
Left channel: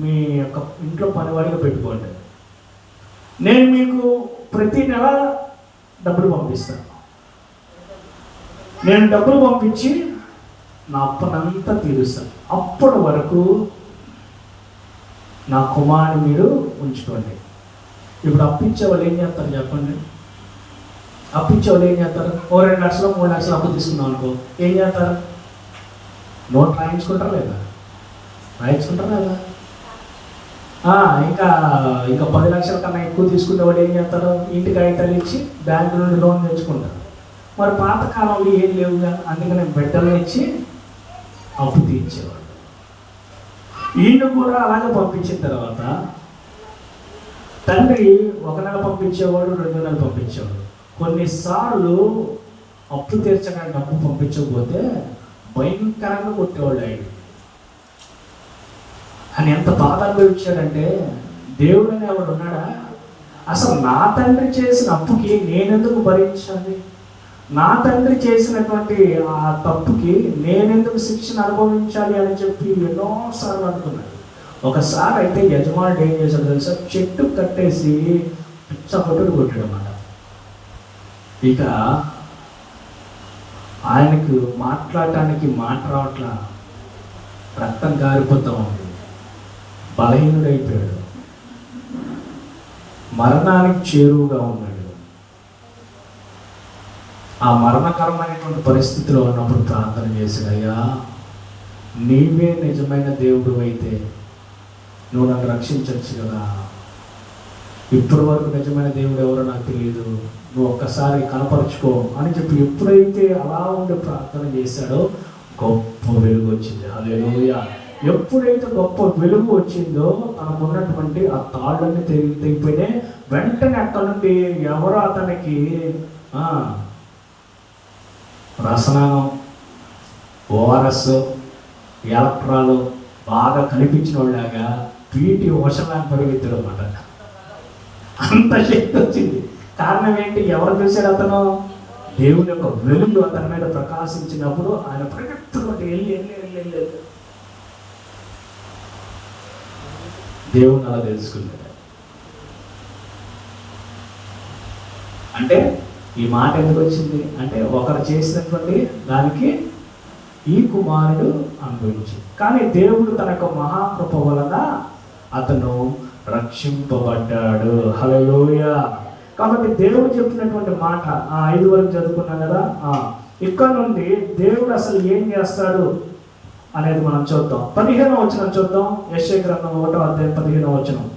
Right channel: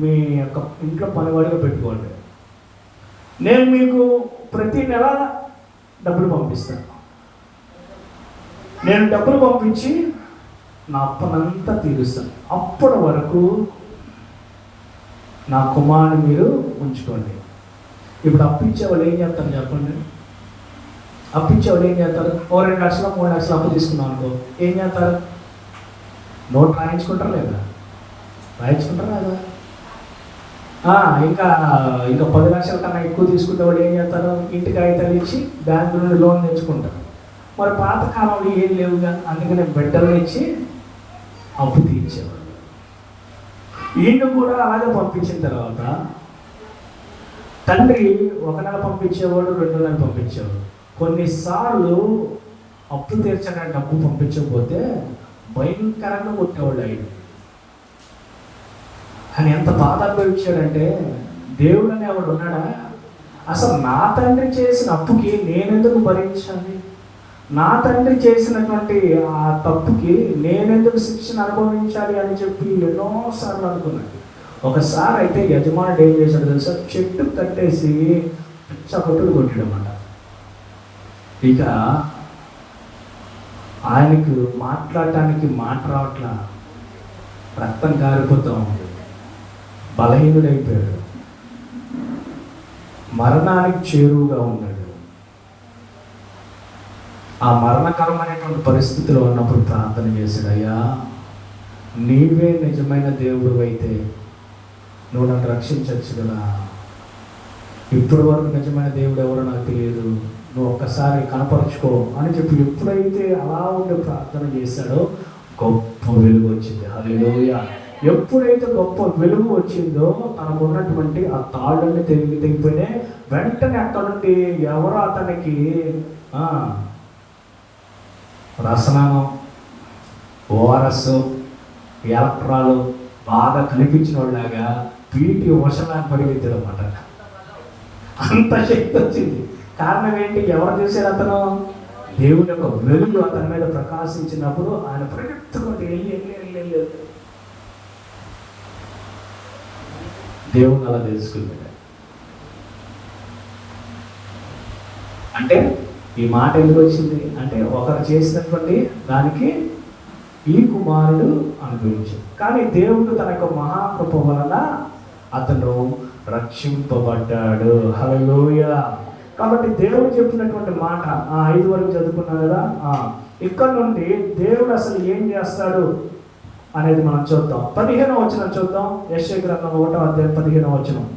మీ యొక్క ఇంట్లో పనివాడిగా పెట్టుకోండి. నేను మీకు ప్రతి నెల డబ్బులు పంపిస్తాను. నేను డబ్బులు పంపించి నా అప్పనంతా తీరుస్తాను. అప్పటి వరకు నా కుమారుని మీరు ఉంచుకోండి. ఇప్పుడు అప్పించే వాళ్ళు ఏం చేస్తారు చెప్పండి? అప్పించే వాళ్ళు ఏం చేస్తారు? 2 లక్షలు 3 లక్షలు అప్పు తీసుకున్నాం అనుకో, ఏం చేస్తారు? నోట్ రాయించుకుంటారా లేదా? రాయించుకుంటారా లేదా? ఇంకా 10 లక్షల కన్నా ఎక్కువ తీసుకునే వాళ్ళు ఏం చేస్తారు? ఇంటికి కాగితాలు ఇచ్చి బ్యాంకు నుండి లోన్ తెచ్చుకుంటారు. మరి పాతకాలంలో ఏం లేవుగా, అందుకని బిడ్డలు ఇచ్చి అప్పు తీర్చేవాళ్ళు. వీళ్ళు కూడా అలాగే పంపించిన తర్వాత తండ్రి 1 నెల పంపించేవాడు, 2 నెలలు పంపించేవాడు. కొన్నిసార్లు అప్పు తీర్చడానికి డబ్బు పంపించకపోతే భయంకరంగా కొట్టేవాళ్ళు ఆయన. కానీ ఎంత బాధ అనుభవించాడంటే, దేవుడు అని ఎవడు ఉన్నాడా? అసలు నా తండ్రి చేసిన అప్పుకి నేనెందుకు భరించాలి? నా తండ్రి చేసినటువంటి ఆ తప్పుకి నేనెందుకు శిక్షణ అనుభవించాలి అని చెప్పి ఎన్నోసార్లు అనుకున్నాడు. ఒకసారి అయితే యజమానుడు ఏం చేశాడు తెలుసా? చెట్టు కట్టేసి పిచ్చ కొట్టుడు కొట్టాడు అన్నమాట. ఇక ఆయనకు మాట్లాడటానికి మాట రావట్లా, రక్తం కారిపోతా ఉంది, బలహీనుడైపోయాడు, మరణానికి చేరువుగా ఉన్నాడు. ఆ మరణకరమైనటువంటి పరిస్థితిలో ఉన్నప్పుడు ప్రార్థన చేశాడు, అయ్యా నీవే నిజమైన దేవుడు అయితే నువ్వు నన్ను రక్షించవచ్చు కదా. ఇప్పటి వరకు నిజమైన దేవుడు ఎవరో నాకు తెలియదు, నువ్వు ఒక్కసారి కనపరుచుకో అని చెప్పి ఎప్పుడైతే అలా ఉండి ప్రార్థన చేశాడో గొప్ప వెలుగు వచ్చింది. హల్లెలూయా. ఎప్పుడైతే గొప్ప వెలుగు వచ్చిందో తనకు ఉన్నటువంటి ఆ తాళ్ళని తెగిపోయినాయి. వెంటనే అక్కడ నుండి ఎవరో అతనికి రసనానం, ఓఆర్ఎస్, ఎలక్ట్రాలు బాగా కనిపించిన వాళ్ళలాగా పీటీ వర్షాన్ని పరిగెత్తాడు అన్నమాట. అంత శక్తి వచ్చింది. కారణం ఏంటి? ఎవరు చూశారు? అతను దేవుని యొక్క వెలుగు అతని మీద ప్రకాశించినప్పుడు ఆయన పరిగెత్తుకుంటే వెళ్ళి దేవుని అలా తెలుసుకుంటాడు. అంటే ఈ మాట ఎందుకు వచ్చింది అంటే, ఒకరు చేసినటువంటి దానికి ఈ కుమారుడు అనుభవించాడు. కానీ దేవుడు తన యొక్క మహాకృప వలన అతను రక్షింపబడ్డాడు. హల్లెలూయా. కాబట్టి దేవుడు చెప్పినటువంటి మాట 5 వరకు చదువుకున్నాం కదా. ఇక్కడ నుండి దేవుడు అసలు ఏం చేస్తాడు అనేది మనం చూద్దాం. 15వ వచనం చూద్దాం. యెషయా గ్రంథం 1వ అధ్యాయం 15వ వచనం.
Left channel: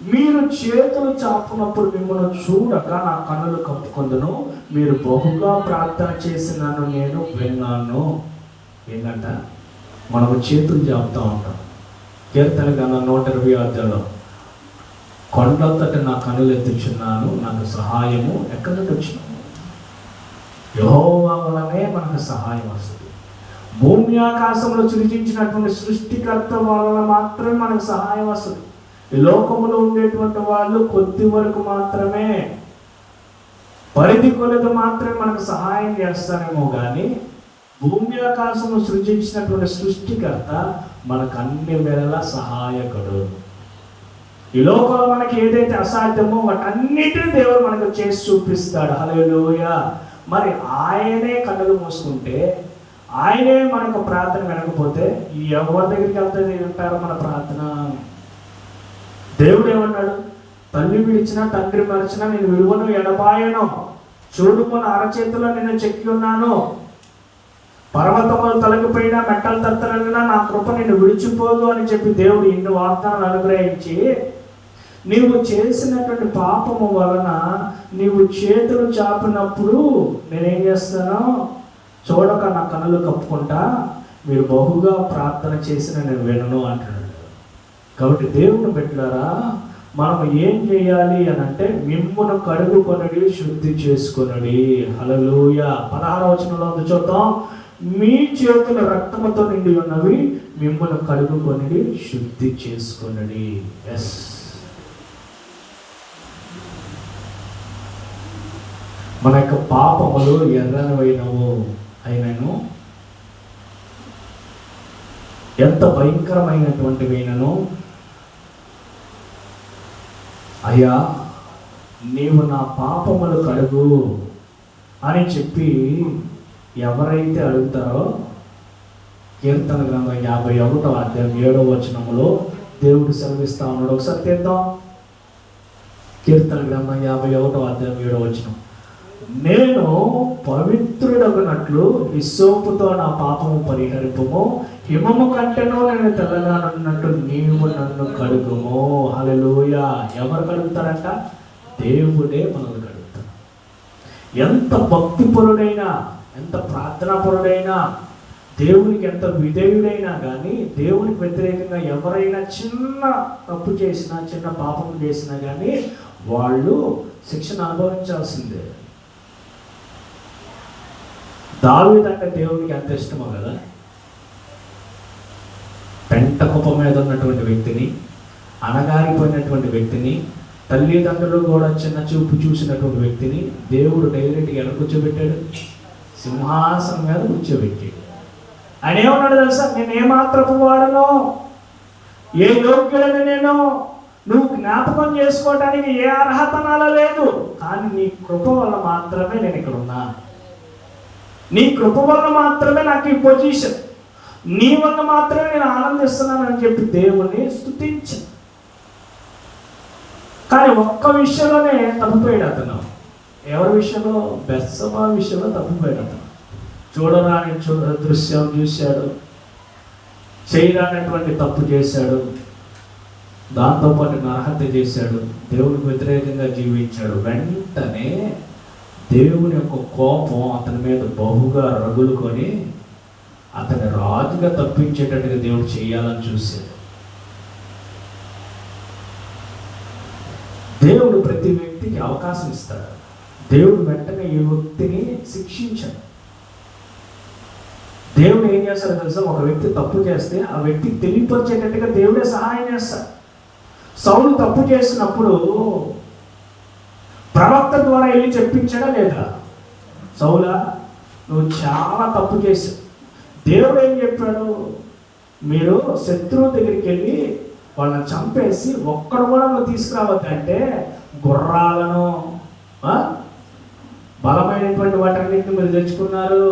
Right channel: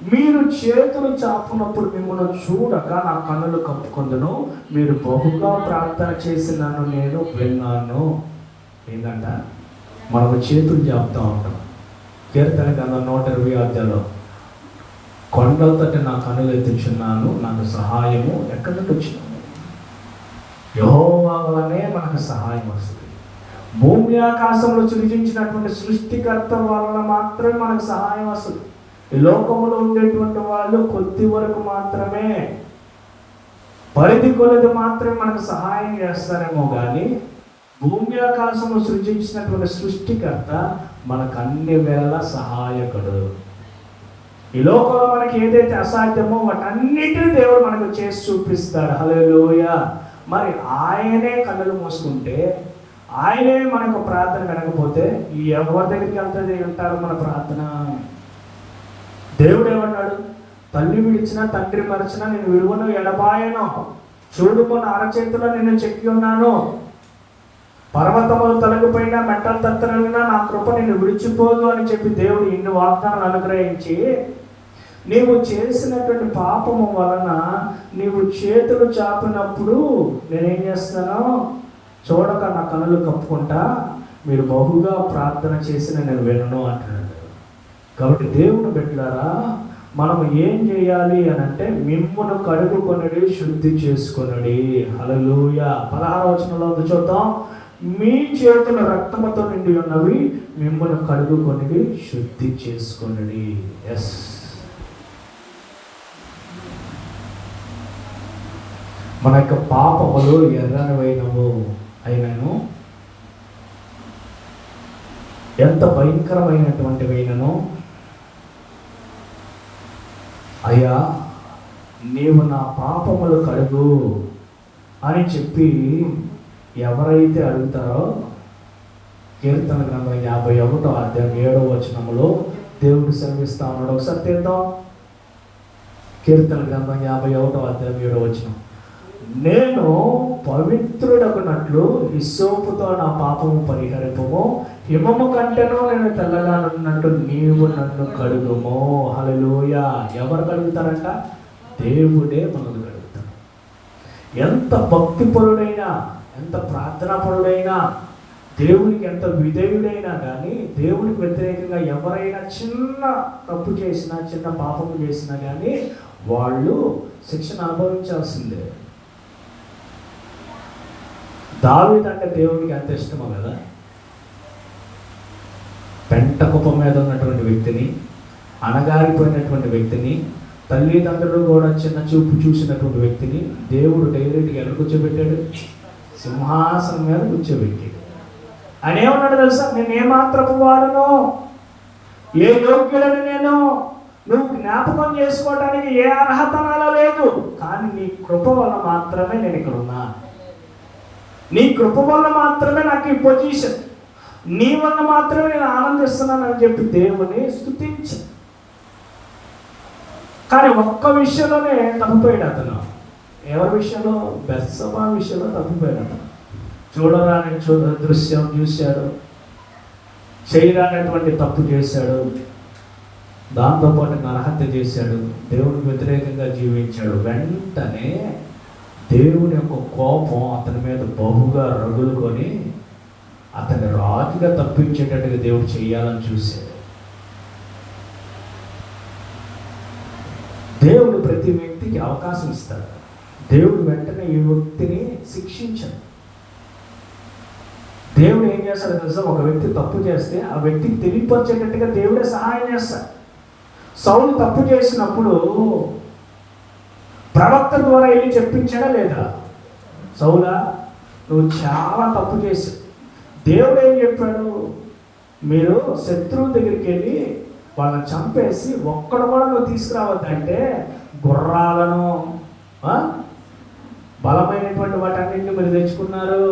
మీరు చేతులు చాపునప్పుడు మిమ్మల్ని చూడక నా కన్నులు కప్పుకొందును, మీరు బహుగా ప్రార్థన చేసినాను నేను విన్నాను. ఏంటంట, మనకు చేతులు చాపుతూ ఉంటాం. కీర్తన గ్రంథం 126 కొండలతోటి నా కన్నులు ఎత్తుచున్నాను, నాకు సహాయము ఎక్కడి నుండి వచ్చింది? యెహోవా వలనే మనకు సహాయం వస్తుంది. భూమి ఆకాశంలో సృజించినటువంటి సృష్టికర్త వలన మాత్రమే మనకు సహాయం వస్తుంది. ఈ లోకంలో ఉండేటువంటి వాళ్ళు కొద్ది వరకు మాత్రమే, పరిధి కొలది మాత్రమే మనకు సహాయం చేస్తారేమో కానీ భూమి ఆకాశంలో సృజించినటువంటి సృష్టికర్త మనకు అన్ని వేళ సహాయకుడు. ఈ లోకంలో మనకి ఏదైతే అసాధ్యమో వాటన్నిటిని దేవుడు మనకు చేసి చూపిస్తాడు. హల్లెలూయా. మరి ఆయనే కన్నులు మూసుకుంటే, ఆయనే మనకు ప్రార్థన వినకపోతే ఎవరి దగ్గరికి వెళ్తుంది వింటారు మన ప్రార్థన? దేవుడు ఏమన్నాడు? తల్లి విడిచినా తండ్రి మరచినా నేను విలువను ఎడబాయను, చూడుము నా అరచేతిలో నేను చెక్కి ఉన్నాను, పర్వతములు తొలగిపోయినా మెట్టలు తత్తలైనా నా కృప నిన్ను విడిచిపోదు అని చెప్పి దేవుడు ఇన్ని వాగ్దానాలు అనుగ్రహించి, నీవు చేసినటువంటి పాపము వలన నీవు చేతులు చాపినప్పుడు నేనేం చేస్తాను? చూడక నా కన్నులు కప్పుకుంటా, మీరు బహుగా ప్రార్థన చేసిన నేను వినను అంటున్నాడు. కాబట్టి దేవుని బిడ్డలారా, మనం ఏం చేయాలి అని అంటే, మిమ్మును కడుగుకొనుడి, శుద్ధి చేసుకొనుడి. హల్లెలూయా. 16వ వచనంలో చూద్దాం. మీ చేతుల రక్తముతో నిండి ఉన్నవి మిమ్మును కడుగుకొనుడి, శుద్ధి చేసుకొనుడి. ఎస్, మన యొక్క పాపములు ఎర్రనివైనవు అయినను, ఎంత భయంకరమైనటువంటివైనను, అయ్యా నీవు నా పాపములు కడుగు అని చెప్పి ఎవరైతే అడుగుతారో, కీర్తన గ్రంథం 51వ అధ్యాయం 7వ వచనంలో దేవుడు సెలవిస్తా ఉన్నాడు. ఒకసారి తీద్దాం. కీర్తన గ్రంథం 51వ అధ్యాయం 7వ వచనం. నేను పవిత్రుడగునట్లు హిస్సోపుతో నా పాపము పరిహరింపుము, హిమము కంటేనో నేను తెల్లగానున్నట్టు నీవు నన్ను కడుగుము. హల్లెలూయా. ఎవరు కడుగుతారంట? దేవుడే మనల్ని కడుగుతాడు. ఎంత భక్తిపరుడైనా, ఎంత ప్రార్థనాపరుడైనా, దేవునికి ఎంత విధేయుడైనా కానీ, దేవునికి వ్యతిరేకంగా ఎవరైనా చిన్న తప్పు చేసినా, చిన్న పాపం చేసినా కానీ వాళ్ళు శిక్షణ అనుభవించాల్సిందే. దావీదు అంటే దేవునికి ఎంత ఇష్టమో కదా. పెంట కుప్ప మీద ఉన్నటువంటి వ్యక్తిని, అణగారిపోయినటువంటి వ్యక్తిని, తల్లిదండ్రులు కూడా చిన్న చూపు చూసినటువంటి వ్యక్తిని దేవుడు డైరెక్ట్గా ఎలా కూర్చోబెట్టాడు? సింహాసనం మీద కూర్చోబెట్టాడు. ఆయన ఏమన్నాడు తెలుసా? నేను ఏమాత్రపు వాడను, ఏ యోగ్యుడని నేను, నువ్వు జ్ఞాపకం చేసుకోవడానికి ఏ అర్హత నాలో లేదు, కానీ నీ కృప వల్ల మాత్రమే నేను ఇక్కడ ఉన్నా, నీ కృప వల్ల మాత్రమే నాకు ఈ పొజిషన్, నీ వల్ల మాత్రమే నేను ఆనందిస్తున్నాను అని చెప్పి దేవుని స్తుతించి. కానీ ఒక్క విషయంలోనే తప్పిపోయాడు అతను. ఎవరి విషయంలో? బెత్షెబా విషయంలో తప్పిపోయాడు అతను. చూడరాని దృశ్యం చూశాడు, చేయరానటువంటి తప్పు చేశాడు, దాంతోపాటు నరహత్య చేశాడు, దేవునికి వ్యతిరేకంగా జీవించాడు. వెంటనే దేవుని యొక్క కోపం అతని మీద బహుగా రగులుకొని అతని రాజుగా తప్పించేటట్టుగా దేవుడు చేయాలని చూశాడు. దేవుడు ప్రతి వ్యక్తికి అవకాశం ఇస్తాడు. దేవుడు వెంటనే ఈ వ్యక్తిని శిక్షించాడు. దేవుడు ఏం చేస్తాడు తెలుసా? ఒక వ్యక్తి తప్పు చేస్తే ఆ వ్యక్తికి తెలియపరిచేటట్టుగా దేవుడే సహాయం చేస్తాడు. సౌలు తప్పు చేసినప్పుడు ప్రవక్త ద్వారా వెళ్ళి చెప్పించాడా లేదా? సౌలా, నువ్వు చాలా తప్పు చేశావు. దేవుడు ఏం చెప్పాడు? మీరు శత్రువు దగ్గరికి వెళ్ళి వాళ్ళని చంపేసి ఒక్కడు కూడా నువ్వు తీసుకురావద్దంటే, గుర్రాలను, బలమైనటువంటి వాటన్నింటిని మీరు తెచ్చుకున్నారు,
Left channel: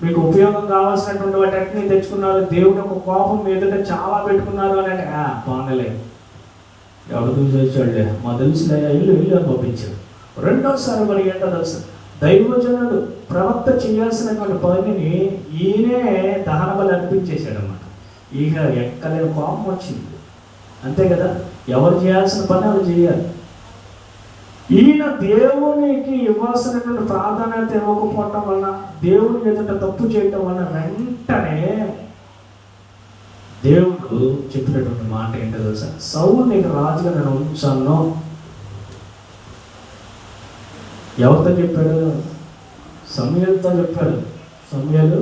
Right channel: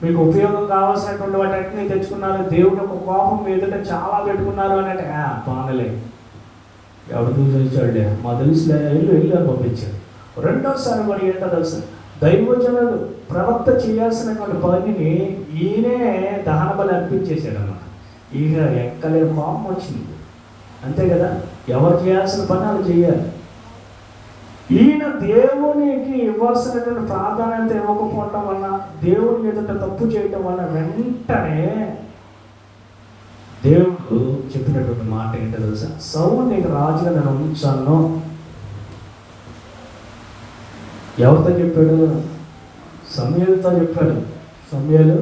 మీకు ఉపయోగం కావాల్సినటువంటి వాటన్నిటిని తెచ్చుకున్నారు, దేవుని యొక్క కోపం మీదుగా చాలా పెట్టుకున్నారు అని అంటే, పోనలే, ఎవరు చూసేవాళ్ళే, మా తెలుసులే, ఇల్లు పంపించారు. రెండోసారి మరి ఏంటో తెలుసు, దైవజనుడు ప్రవక్త చేయాల్సినటువంటి పనిని ఈయనే దహన బలి అర్పించేశాడు అన్నమాట. ఇక ఎక్కలేని కోపం వచ్చింది, అంతే కదా. ఎవరు చేయాల్సిన పని వాళ్ళు చేయాలి. ఈయన దేవునికి ఇవ్వాల్సినటువంటి ప్రాధాన్యత ఇవ్వకపోవటం వలన, దేవుని ఎదుట తప్పు చేయటం వలన వెంటనే దేవుడు చెప్పినటువంటి మాట ఏంటో తెలుసా? సౌలు నీకు రాజుగా నేను ఉంచాను. ఎవరితో చెప్పాడు? సమూయేలుతో చెప్పాడు. సమూయేలు,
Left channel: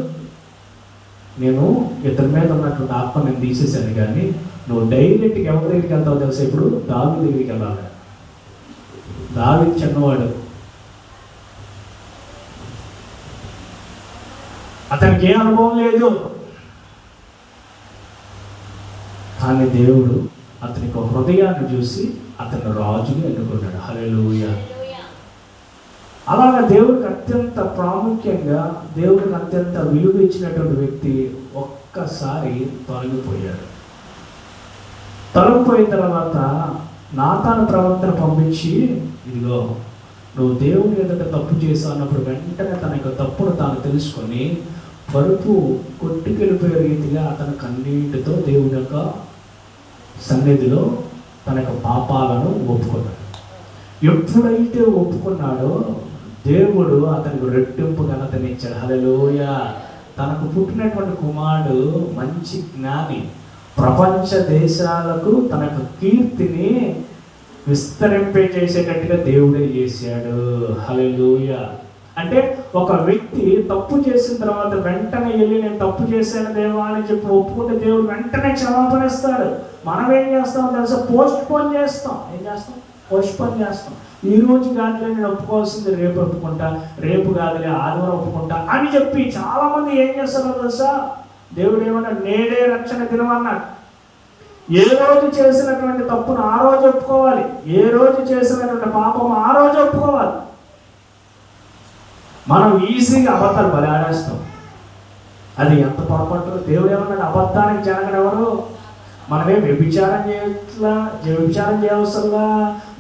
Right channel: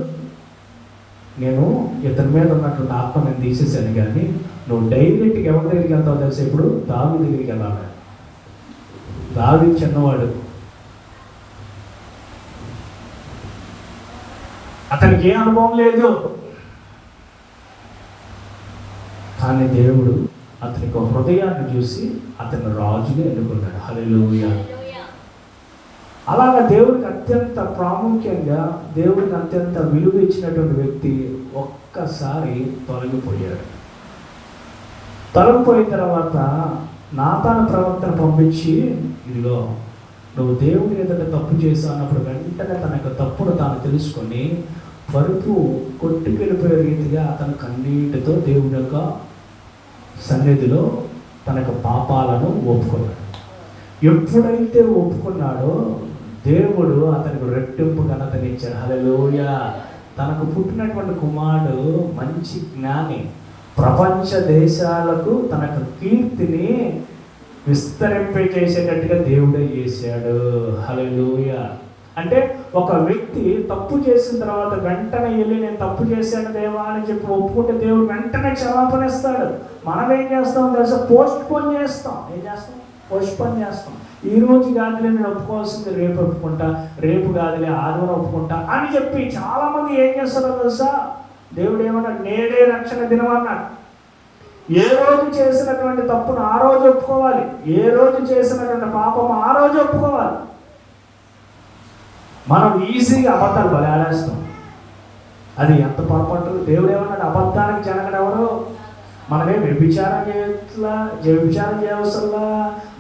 నేను ఇతని మీద ఉన్నటువంటి ఆత్మ నేను తీసేసాను, కానీ నువ్వు డైరెక్ట్గా ఎవరి దగ్గరికి వెళ్తావు తెలుసా? ఇప్పుడు దావీదు దగ్గరికి వెళ్ళాలి. దావీదు చిన్నవాడు, అతనికి ఏ అనుభవం లేదు, కానీ దేవుడు అతనికి ఒక హృదయాన్ని చూసి అతన్ని రాజుని ఎన్నుకున్నాడు. హల్లెలూయా. అలాగా దేవుడికి అత్యంత ప్రాముఖ్యంగా, దేవుడికి అత్యంత విలువ ఇచ్చినటువంటి వ్యక్తి ఒక్కసారి తొలగిపోయాడు. తొలగిపోయిన తర్వాత నాతాను ప్రవక్తను పంపించి, ఇదిగో నువ్వు దేవుని ఎదుట తప్పు చేశావు అన్నప్పుడు వెంటనే తన యొక్క తప్పును తాను తెలుసుకొని పరుపు కొట్టుకెళ్ళిపోయే రీతిగా అతను కన్నీటితో దేవుడి యొక్క సన్నిధిలో తన యొక్క పాపాలను ఒప్పుకున్నాడు. ఎప్పుడైతే ఒప్పుకున్నాడో దేవుడు అతనికి రెట్టింపు ఘనతనిచ్చాడు. హల్లెలూయా. తనకు పుట్టినటువంటి కుమారుడు మంచి జ్ఞాని, ప్రపంచ దేశాలకు తన యొక్క కీర్తిని విస్తరింపజేసేటట్టుగా దేవుడే చేశాడు. హల్లెలూయా. అంటే ఒక వ్యక్తి తప్పు చేసిన తర్వాత వెంటనే వెళ్ళి నేను తప్పు చేశాను దేవా అని చెప్పి ఒప్పుకుంటే దేవుడు వెంటనే క్షమాపణ ఇస్తాడు. మనం ఏం చేస్తాం తెలుసా? పోస్ట్ పోన్ చేస్తాం. ఏం చేస్తాం? పోస్ట్ పోన్ చేస్తాం. ఈ రోజు కాదులే నేను ఒప్పుకోవాల్సింది రేపు ఒప్పుకుంటా, రేపు కాదులే ఆదివారం ఒప్పుకుంటా అని చెప్పి చాలా మంది ఏం చేస్తారో తెలుసా? దేవుడు ఏమన్నాడు? నేడే రక్షణ దినం అన్నాడు. ఏ రోజు చేసినటువంటి తప్పును ఆ రోజు ఒప్పుకోవాలి, ఏ రోజు చేసినటువంటి పాపం ఆ రోజు ఒప్పుకోవాలి. మనం ఈజీగా అబద్ధాలు బలాడేస్తాం. అది ఎంత పొరపాటు. దేవుడు ఏమన్నాడు? అబద్ధానికి జనగడు ఎవరు? మనమే వ్యభిచారం చేయవసరంలా,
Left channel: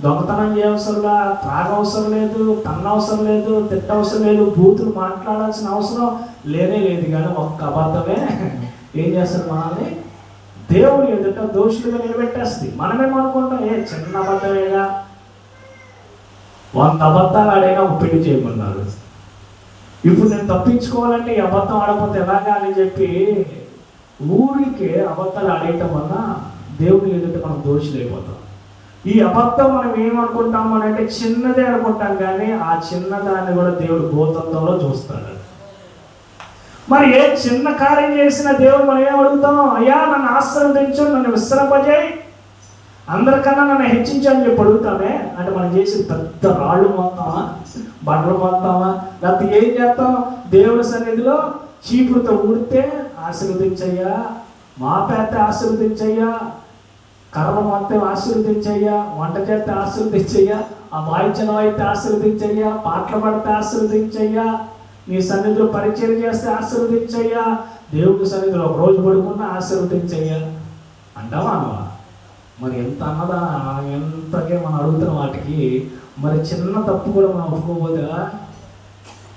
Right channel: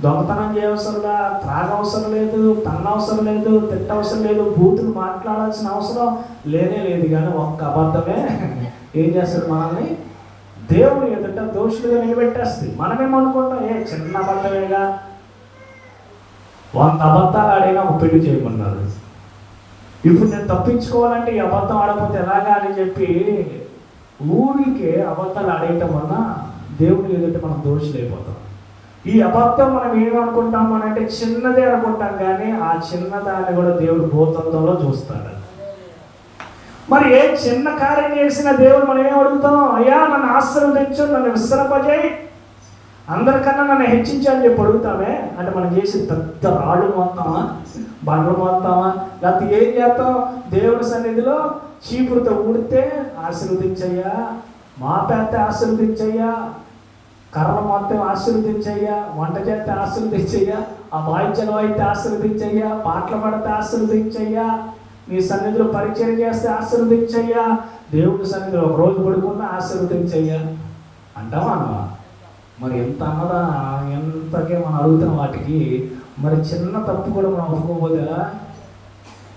దొంగతనం చేయవసరంలా, త్రాగవసరం లేదు, తన్నవసరం లేదు, తిట్టవసరం లేదు, బూతులు మాట్లాడాల్సిన అవసరం లేనే లేదు. కానీ ఒక్క అబద్ధమే ఏం చేస్తారు? మనల్ని దేవుని ఎదుట దోషులుగా నిలబెట్టేస్తుంది. మనమేమనుకుంటాం? చిన్న అబద్ధమేగా, 100 అబద్ధాలు ఆడైనా పెళ్లి చేయమన్నాడు. ఇప్పుడు నేను తప్పించుకోవాలంటే ఈ అబద్ధం ఆడకపోతే ఎలాగా అని చెప్పి ఊరికే అబద్ధాలు ఆడేయటం వల్ల దేవుని ఎదుట మనం దోషులైపోతాం. ఈ అబద్ధం మనం ఏమనుకుంటాం అంటే చిన్నదే అనుకుంటాం, కానీ ఆ చిన్నదాన్ని కూడా దేవుడు భూతత్వంలో చూస్తాడు. మరి ఏ చిన్న కార్యం చేసిన దేవుడు మనం ఏం అడుగుతాం? అయ్యా నన్ను ఆశీర్వదించు, నన్ను విస్తరింపజేయి, అందరికన్నా నన్ను హెచ్చించని చెప్పి అడుగుతామే. అంటే మనం చేసిన పెద్ద రాళ్ళు మోస్తామా, బండలు మోస్తామా, లేకపోతే ఏం చేస్తాం? దేవుడి సన్నిధిలో చీపురుతో ఊడితే ఆశీర్వదించయ్యా, మా పెద్ద ఆశీర్వదించయ్యా, కర్ర మొత్తం ఆశీర్వదించయ్యా, వంట చేస్తే ఆశీర్వదించయ్యా, ఆ వాయిద్యంలో అయితే ఆశీర్వదించయ్యా, పాటలు పడితే ఆశీర్వదించయ్యా, నీ సన్నిధిలో పరిచయం చేస్తే ఆశీర్వదించయ్యా, దేవుడి సన్నిధిలో ఒక రోజు పడుకున్నా ఆశీర్వదించయ్యా అంటావా అమ్మా? మరి ఎంత అన్నదా ఎంతకే మనం అడుగుతాం వాటికి. మరి చిన్న తప్పు కూడా మనం ఒప్పుకోబోదా?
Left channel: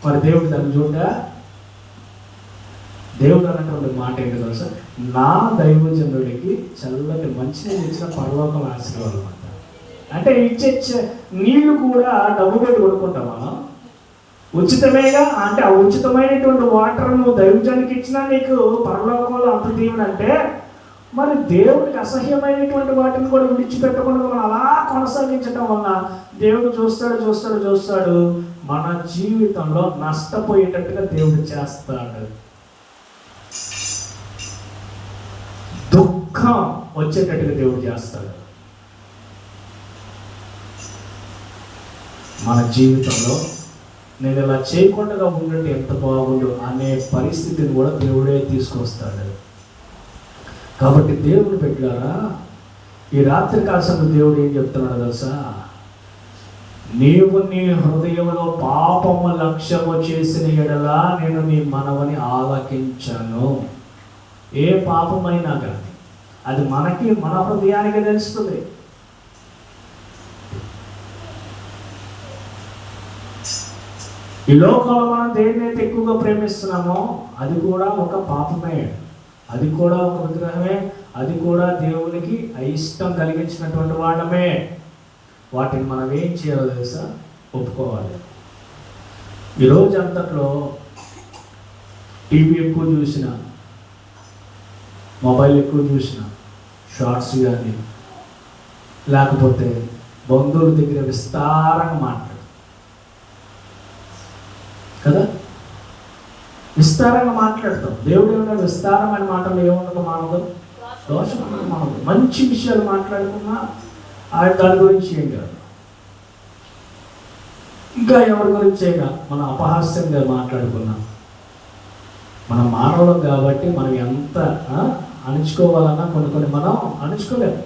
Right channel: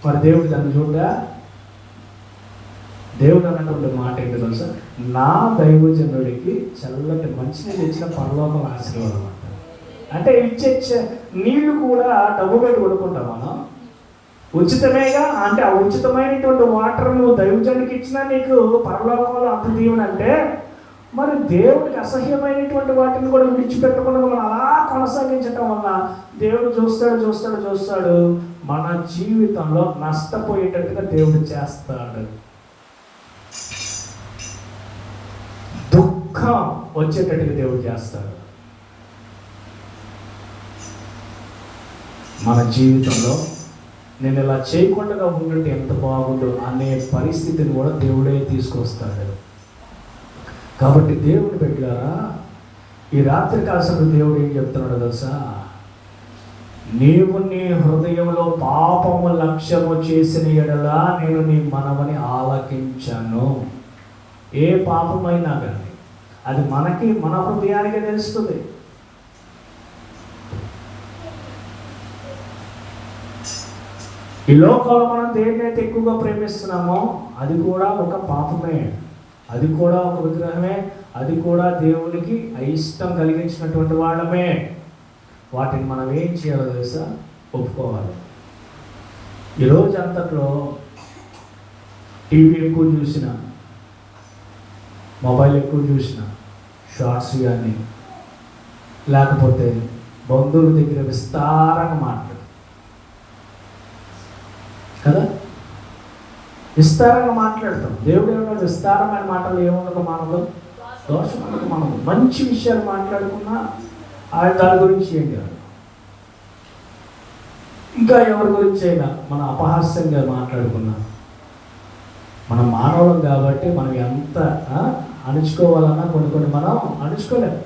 మరి దేవుడు దాన్ని చూడ్డా? దేవుడు అన్నటువంటి మాట ఏంటో తెలుసా? నా దైవజనుడికి చల్లటి మంచినీళ్ళు ఇచ్చిన పరలోకం ఆశీర్వాదం. అంటే ఇచ్చే నీళ్లు కూడా డబ్బు పెట్టి కొనుక్కుంటాం మనం. ఉచితమేగా. అంటే ఆ ఉచితమైనటువంటి వాటర్ నువ్వు దైవజనుడికి ఇచ్చినా నీకు పరలోకంలో అంత దీవెనంటే, మరి దేవుడికి అసహ్యమైనటువంటి వాటిని కూడా విడిచిపెట్టకుండా మనం అలా కొనసాగించడం వల్ల దేవుడు చూస్తాడు మన జీవితంలో నష్టపోయేటట్టుగా దేవుడు చేస్తాడు. దుఃఖం వచ్చేటట్టుగా దేవుడు చేస్తాడు. మన జీవితంలో నేను ఇలా చేయకుండా ఉన్నట్టు ఎంత బాగుండు అనే పరిస్థితిని కూడా దేవుడే తీసుకొస్తాడు. కాబట్టి దేవుడు పెట్టారా, ఈ రాత్రి కాసేపు దేవుడు ఏం చెప్తున్నాడు తెలుసా? నీవు నీ హృదయంలో పాపము లక్ష్యము చేసిన ఎడల నేను నీ మనవని ఆలకించాను. ఏ పాపమైనా కానీ అది మనకి, మన హృదయానికే తెలుస్తుంది. ఈ లోకంలో మనం దేన్నైతే ఎక్కువగా ప్రేమిస్తున్నామో అది కూడా ఒక పాపమే. అది కూడా ఒక విగ్రహమే, అది కూడా దేవునికి అయిష్టం కలిగించినటువంటి వాళ్ళమే. వాటిని మనం ఏం చేయాలో తెలుసా? ఒప్పుకోవాలి. ఈరోజు అంతట్లో టీవీ ఎక్కువ చూసిన, మొబైల్ ఎక్కువ చూసిన, షార్ట్స్ కానీ లేకపోతే బంధువుల దగ్గర విస్తారంగా మాట్లాడు కదా, విస్తారంగా మాట్లాడతాం. దేవుడు ఏమన్నా విస్తారమైన మాటలు ఏమన్నా మానదు, దోషం మానదు. మంచి విషయాలు మాట్లాడుకున్నా ఆయన దాని గురించి ఏం కాదు. ఇంకా ఎవరి గురించి అయినా మనం అపహాస్యంగా మాట్లాడుకున్నా, మన మానవులం కాబట్టి మనం ఎంత అణుచుకోవాలన్నా కొన్ని మనం అణుచుకోలేము.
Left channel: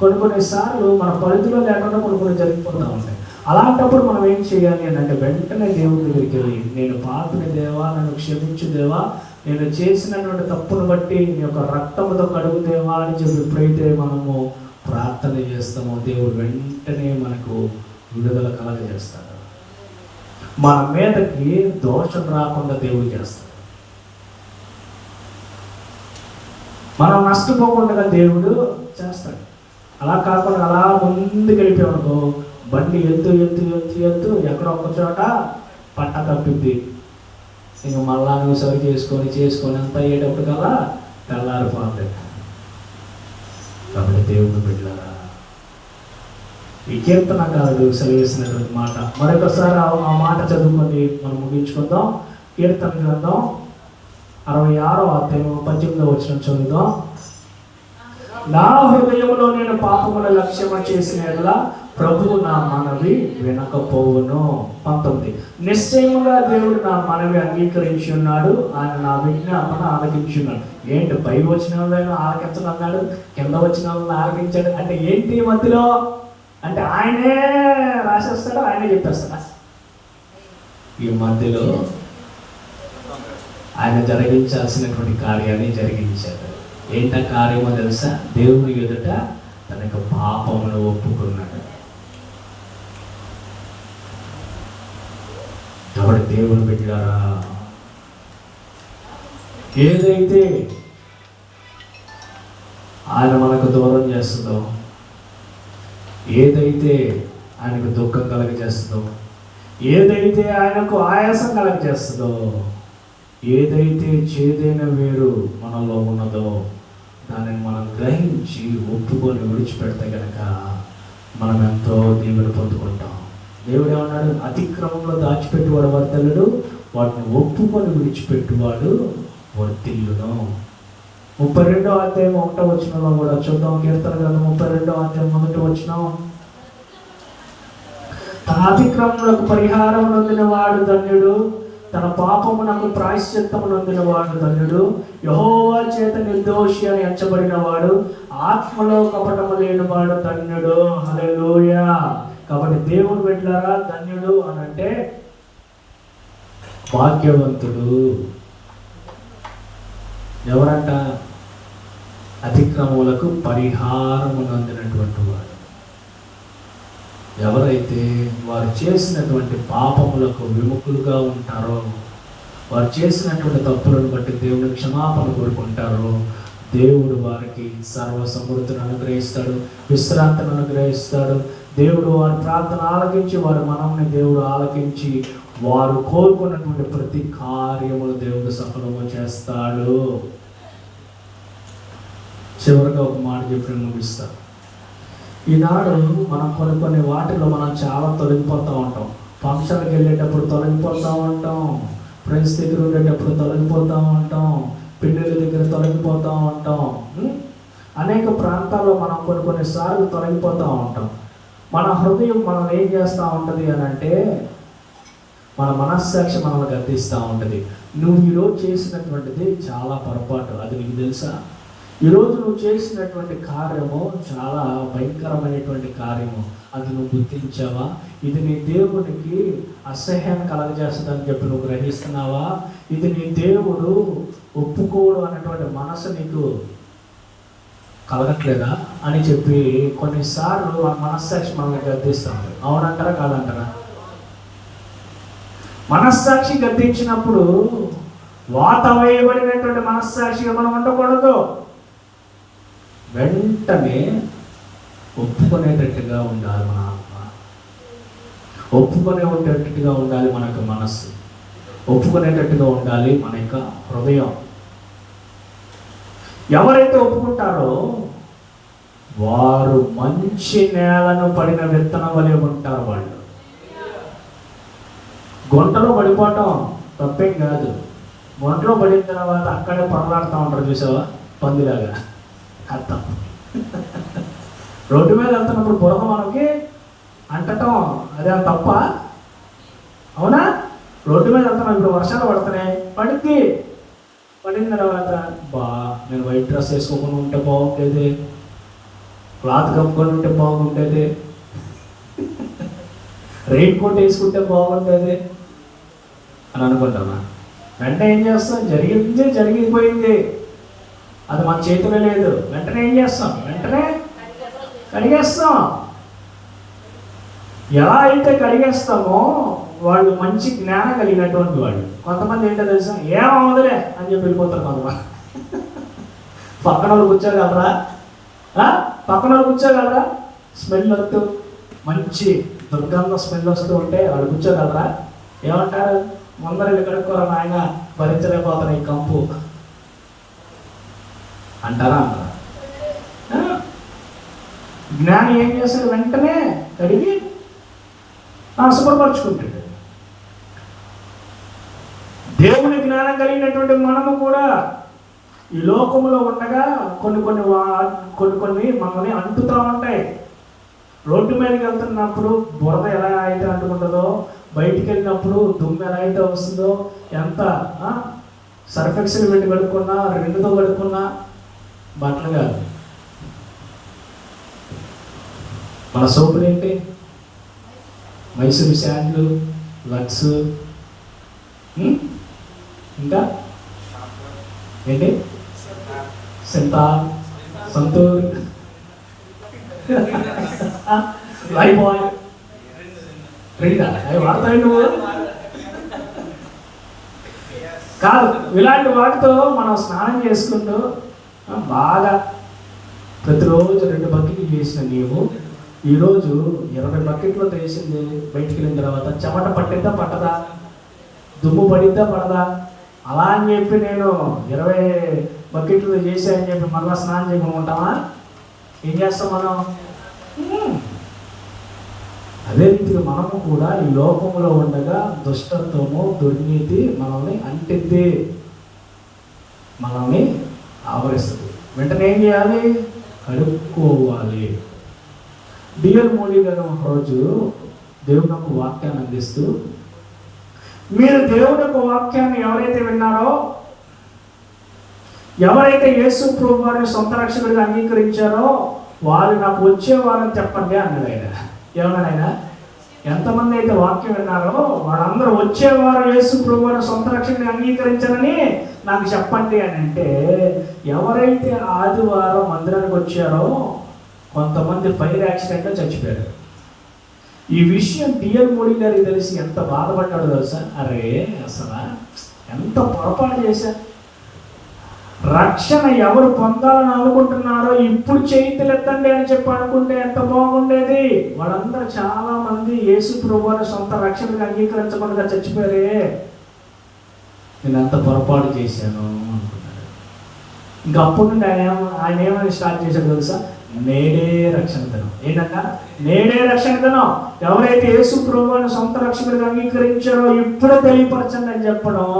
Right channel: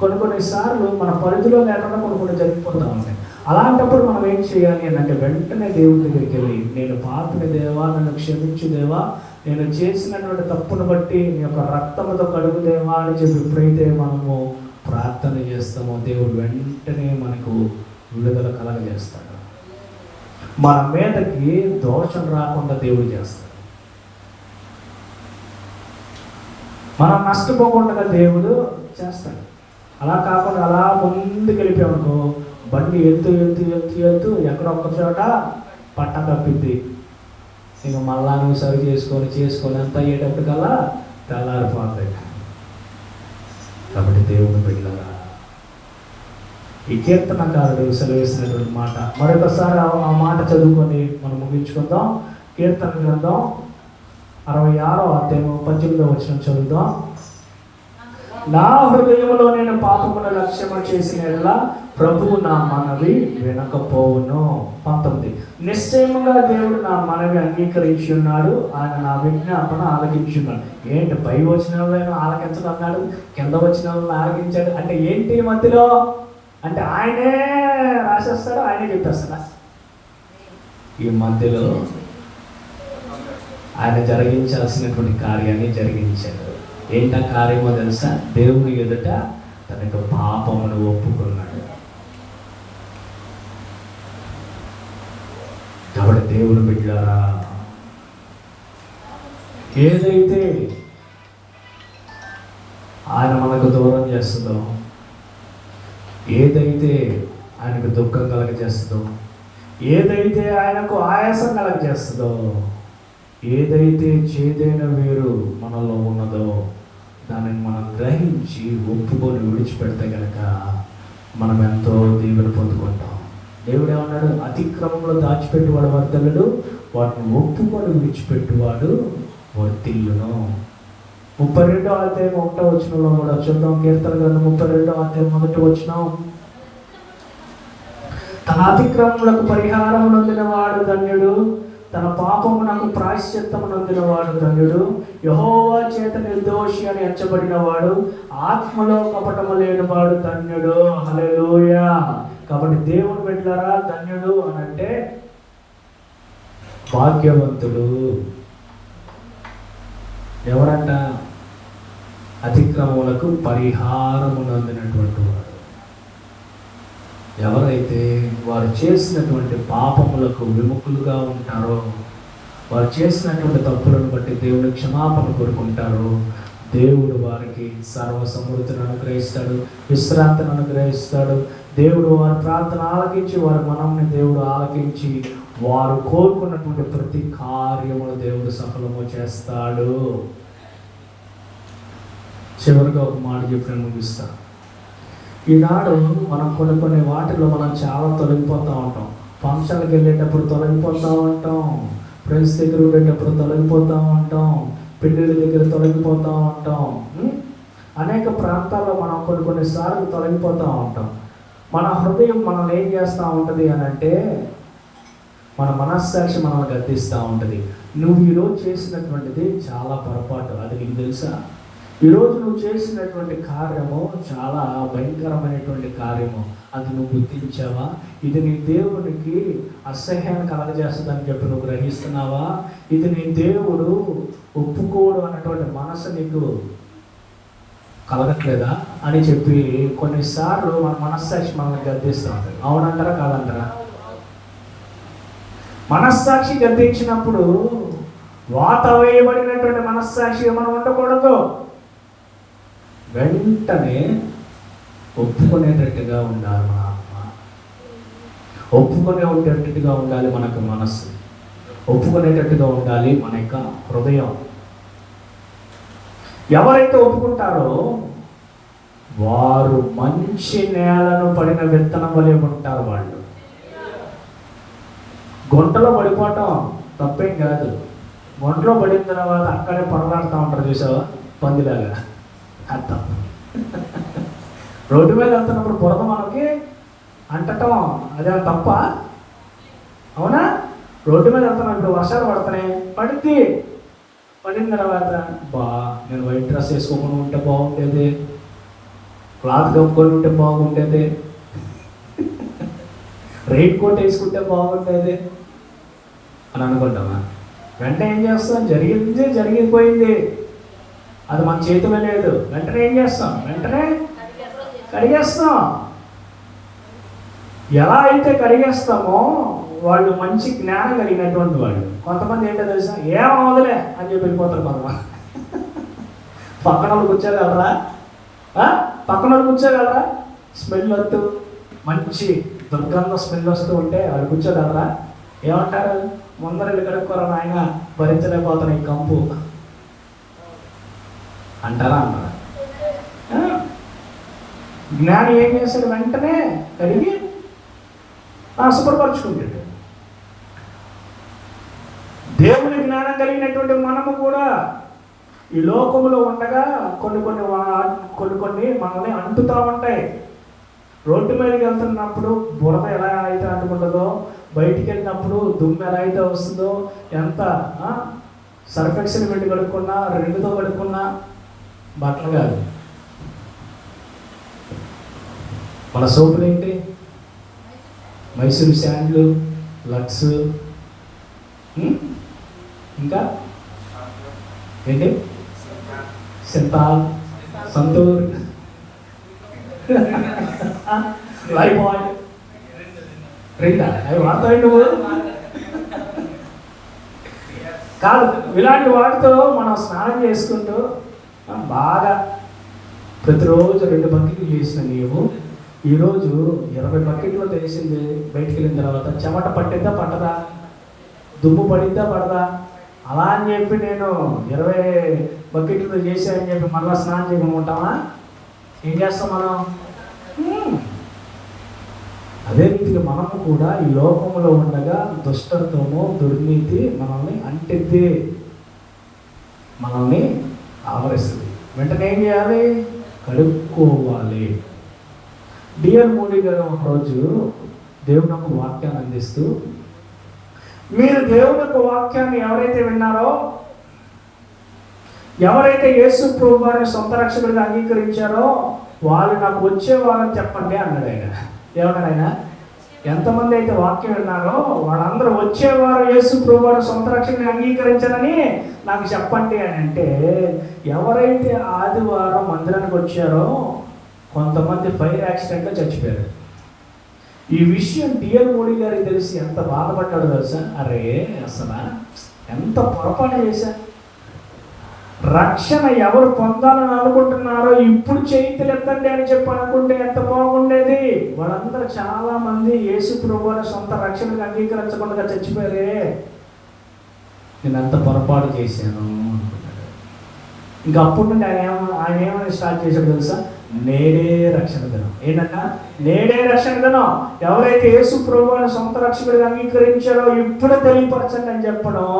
కొన్నిసార్లు మన పరిధిలో లేకుండా కొన్ని జరిగిపోతూ ఉంటాయి. అలాంటప్పుడు మనం ఏం చేయాలి అని అంటే వెంటనే దేవుడి దగ్గరికి వెళ్ళి, నేను పాపిని దేవా, నన్ను క్షమించు దేవా, నేను చేసినటువంటి తప్పును బట్టి నీ యొక్క రక్తముతో కడుగు దేవా అని చెప్పి ఎప్పుడైతే మనము ప్రార్థన చేస్తామో దేవుడు వెంటనే మనకు విడుదల కలగజేస్తాడు. మన మీదకి దోషం రాకుండా దేవుడు చేస్తాడు. మనం నష్టపోకుండా దేవుడు చేస్తాడు. అలా కాకుండా అలా ముందుకు వెళ్ళిపోయామనుకో, బండి ఎత్తు ఎక్కడో ఒక చోట పట్ట తప్పిద్ది. ఇంక మళ్ళా నువ్వు సరి చేసుకొని అంతా అయ్యేటప్పటికల్లా తెల్లారిపోతుంది. కాబట్టి దేవుడిని బిడ్డలారా, ఈ కీర్తనకారుడు సెలవేసినటువంటి మాట మరొకసారి ఆ మాట చదువుకొని మనం ముగించుకుందాం. కీర్తన గ్రంథం 66వ అధ్యాయం 18వ వచనం చదువుదాం. నా హృదయంలో నేను పాపముల లక్ష్యము చేసినట్లా ప్రభువు నా మనవి వినకపోవును. 19. నిశ్చయంగా దేవుడు నా మనవి అంగీకరించి ఉన్నాడు, ఆయన నా విజ్ఞాపన ఆలకించి ఉన్నాడు. ఏంటి పై వచనంలో ఆలకించడం అన్నాడు, కింద వచనంలో ఆలకించాడు అంటే ఏంటి మధ్యలో అంటే ఆయనే రాసేస్తాడు, ఆయనే చెప్పేస్తాడు. ఈ మధ్యలో ఆయన జరిగించాల్సినటువంటి కార్యాన్ని జరిగించాడు. ఏంట కార్యమో తెలుసా? దేవుని ఎదుట తన యొక్క పాపమును ఒప్పుకున్నాడు. కాబట్టి దేవుని బిడ్డలారా, ఏదైతే ఆయన మనకు దూరం చేస్తుందో, ఏదైతే ఆయనకు దుఃఖం కలగజేస్తుందో, ఏదైతే ఆయనకు ఆయాసం కలగజేస్తుందో, ఏదైతే చేదైన వేరు మనలో ఉన్నదో దానిని మనం గ్రహించి ఒప్పుకొని విడిచిపెడితే కనుక మనం ఎంతో దీవెన పొందుకుంటాం. దేవుడు ఏమన్నాడు? అతిక్రమంలో దాచిపెట్టువాడు వర్ధలుడు, వాటిని ఒప్పుకొని విడిచిపెట్టువాడు వర్ధిల్లును. 32వ అధ్యాయం 1వ వచనంలో కూడా చూద్దాం. కీర్తన గ్రంథం 32వ అధ్యాయం 1వ వచనం. తన అతిక్రమములకు పరిహారం నొందిన వాడు ధన్యుడు, తన పాపమునకు ప్రాయశ్చిత్తం నొందిన వాడు ధన్యుడు. యెహోవా చేత నిర్దోషి అని ఎంచబడిన వాడు, ఆత్మలో కపటము లేని వాడు ధన్యుడు. హల్లెలూయా. కాబట్టి దేవుని బిడ్డలారా, ధన్యుడు అని అంటే భాగ్యవంతుడు. ఎవరంట? అతిక్రమములకు పరిహారము నొందినటువంటి వాడు. ఎవరైతే వారు చేసినటువంటి పాపములకు విముఖులుగా ఉంటారో, వారు చేసినటువంటి తప్పులను బట్టి దేవుడు క్షమాపణ కోరుకుంటారో, దేవుడు వారికి సర్వ సమృద్ధిని అనుగ్రహిస్తాడు, విశ్రాంతిని అనుగ్రహిస్తాడు. దేవుడు వారి ప్రార్థన ఆలకించి, వారి మనల్ని దేవుడు ఆలకించి, వారు కోరుకున్నటువంటి ప్రతి కార్యములు దేవుడు సఫలము చేస్తాడు. చివరిగా ఒక మాట చెప్పి ముగిస్తా. ఈనాడు మనం కొన్ని వాటిలో మనం చాలా తొలగిపోతూ ఉంటాం. ఫంక్షన్కి వెళ్ళేటప్పుడు తొలగిపోతూ ఉంటాం, ఫ్రెండ్స్ దగ్గర ఉండేటప్పుడు తొలగిపోతూ ఉంటాం, పెళ్ళిళ్ళ దగ్గర తొలగిపోతూ ఉంటాం. అనేక ప్రాంతాల్లో మనం కొన్నిసార్లు తొలగిపోతూ ఉంటాం. మన హృదయం మనం ఏం చేస్తూ ఉంటుంది అని అంటే, మన మనస్సాక్షి మనల్ని గద్దిస్తూ ఉంటుంది. నువ్వు ఈరోజు చేసినటువంటిది చాలా పొరపాటు, అది నీకు తెలుసా? ఈరోజు నువ్వు చేసినటువంటి కార్యము చాలా భయంకరమైనటువంటి కార్యము, అది నువ్వు గుర్తించావా? ఇది నీ దేవుడికి అసహ్యాన్ని కలగజేస్తుందని చెప్పి నువ్వు గ్రహిస్తున్నావా? ఇది నీ దేవుడు ఒప్పుకోడు అన్నటువంటి మనసు నీకు కలగట్లేదా అని చెప్పి కొన్నిసార్లు మన మనస్సాక్షి మనల్ని గద్దిస్తాడు. అవునంటారా కాదంటారా? మనస్సాక్షి గద్దించినప్పుడు వాత వేయబడినటువంటి మనస్సాక్షి మనం ఉండకూడదు. వెంటనే ఒప్పుకునేటట్టుగా ఉండాలి. ఒప్పుకునేటట్టుగా ఉండాలి మనకు మనస్సు, ఒప్పుకునేటట్టుగా ఉండాలి మన యొక్క హృదయం. ఎవరైతే ఒప్పుకుంటారో వారు మంచి నేలను పడిన విత్తనం వలె ఉంటారు. వాళ్ళు గుంటలో పడిపోవటం తప్పేం కాదు. గుంటలో పడిన తర్వాత అక్కడే పొరలాడుతూ ఉంటారు, చూసావా, పందిలాగా. అర్థం రోడ్డు మీద వెళ్తున్నప్పుడు బురద మనకి అంటటం అదే తప్ప? అవునా? రోడ్డు మీద వెళ్తున్నప్పుడు వర్షాలు పడుతున్నాయి, పడిన తర్వాత నేను వైట్ డ్రెస్ వేసుకోకుండా ఉంటే బాగుండేది, క్లాత్ కప్పుకొని ఉంటే బాగుండేది, రెయిన్ కోట్ వేసుకుంటే బాగుండేది అని అనుకుంటున్నా. వెంటనే ఏం చేస్తాం? జరిగిపోయింది, అది మన చేతిలో లేదు. వెంటనే ఏం చేస్తాం? వెంటనే కడిగేస్తాం. ఎలా అయితే కడిగేస్తామో వాళ్ళు మంచి జ్ఞానం కలిగినటువంటి వాళ్ళు. కొంతమంది ఏంటో తెలుసా, ఏమవదులే అని చెప్పి వెళ్ళిపోతారు. కొంతమంది పక్కన వాళ్ళు కూర్చోగలరా? పక్కన వాళ్ళు కూర్చోగలరా? స్మెల్ వస్తూ మంచి దుర్గంధం స్మెల్ వస్తూ ఉంటే వాళ్ళు కూర్చోగలరా? ఏమంటారు? ముందర కడుక్కోరా నాయన, భరించలేకపోతారు ఈ కంపు అంటారా? జ్ఞానం ఏం చేస్తాడు? వెంటనే కడిగి శుభ్రపరచుకుంటాడు. దేవుని జ్ఞానం కలిగినటువంటి మనము కూడా ఈ లోకంలో ఉండగా కొన్ని మనల్ని అంటుతూ ఉంటాయి. రోడ్డు మీదకి వెళ్తున్నప్పుడు బురద ఎలా అయితే అంటుకుంటుందో, బయటికి వెళ్ళినప్పుడు దుమ్ము ఎలా అయితే వస్తుందో, ఎంత సర్ఫెక్సల్ పెట్టి కడుక్కున్నా, రెండుతో కడుక్కున్నా బట్టలు కాదు. మన సోపులు ఏంటి? మైసూరు శాండ్లు, లక్స్, ఇంకా ఏంటి, సింతాల్, సంతూర్, లైబాయ్, అవి వాడతాయి నువ్వు కాదు. ఇలాంటి వాటితో మనం స్నానం చేసుకుంటూ బాగా ప్రతిరోజు 2 బకెట్లు చేసిన నీవు ఈరోజు 20 బకెట్లో వేసింది. బయటికి వెళ్ళిన తర్వాత చెమట పట్టిద్దా పట్టదా? దుమ్ము పడిద్దా పడదా? అలా అని చెప్పి నేను 20 బకెట్లు చేశానని చెప్పి మళ్ళీ స్నానం చేయకుంటామా? ఏం చేస్తాం మనం? అదే రీతిలో మనము కూడా ఈ లోకంలో ఉండగా దుష్టత్వము, దుర్నీతి మనల్ని అంటిద్ది, మనల్ని ఆవరిస్తుంది. వెంటనే ఏం చేయాలి? కడుక్కోవాలి. డిఎల్ మోడీ గారు ఒకరోజు దేవుని యొక్క వాక్యాన్ని అందిస్తూ, మీరు దేవుని యొక్క వాక్యాన్ని ఎవరైతే విన్నారో, ఎవరైతే యేసు ప్రభు వారిని సొంత రక్షకుడిగా అంగీకరించారో వాళ్ళు నాకు వచ్చేవారని చెప్పండి అన్నాడు ఆయన. ఏమన్నాడు ఆయన? ఎంతమంది అయితే వాక్యం విన్నారో వాళ్ళందరూ వచ్చేవారు యేసు ప్రభు వారిని సొంత రక్షకుడిగా అంగీకరించారని నాకు చెప్పండి అని అంటే, ఎవరైతే ఆదివారం మందిరానికి వచ్చారో కొంతమంది ఫైర్ యాక్సిడెంట్లో చచ్చిపోయారు. ఈ విషయం డిఎల్ మోడీ గారికి తెలిసి ఎంత బాధపడ్డాడు తెలుసా? అరే అసలు ఎంత పొరపాటు చేశారు. రక్షణ ఎవరు పొందాలని అనుకుంటున్నారో ఇప్పుడు చేతులెత్తండి అని చెప్పి అనుకుంటే ఎంత బాగుండేది. వాళ్ళందరూ చాలా మంది యేసు ప్రభువుని సొంత రక్షణకు అంగీకరించకుండా చచ్చిపోయారే, నేను ఎంత పొరపాటు చేశాను. ఇంకా అప్పుడు నుండి ఆయన ఏమైనా స్టార్ట్ చేశాడు తెలుసా? నేడే రక్షణ దినం. ఏంటన్నా? నేడే రక్షణ దినం. ఎవరైతే యేసు ప్రభువుని సొంత రక్షకుడిగా అంగీకరించారో ఇప్పుడే తెలియపరచండి అని చెప్పడం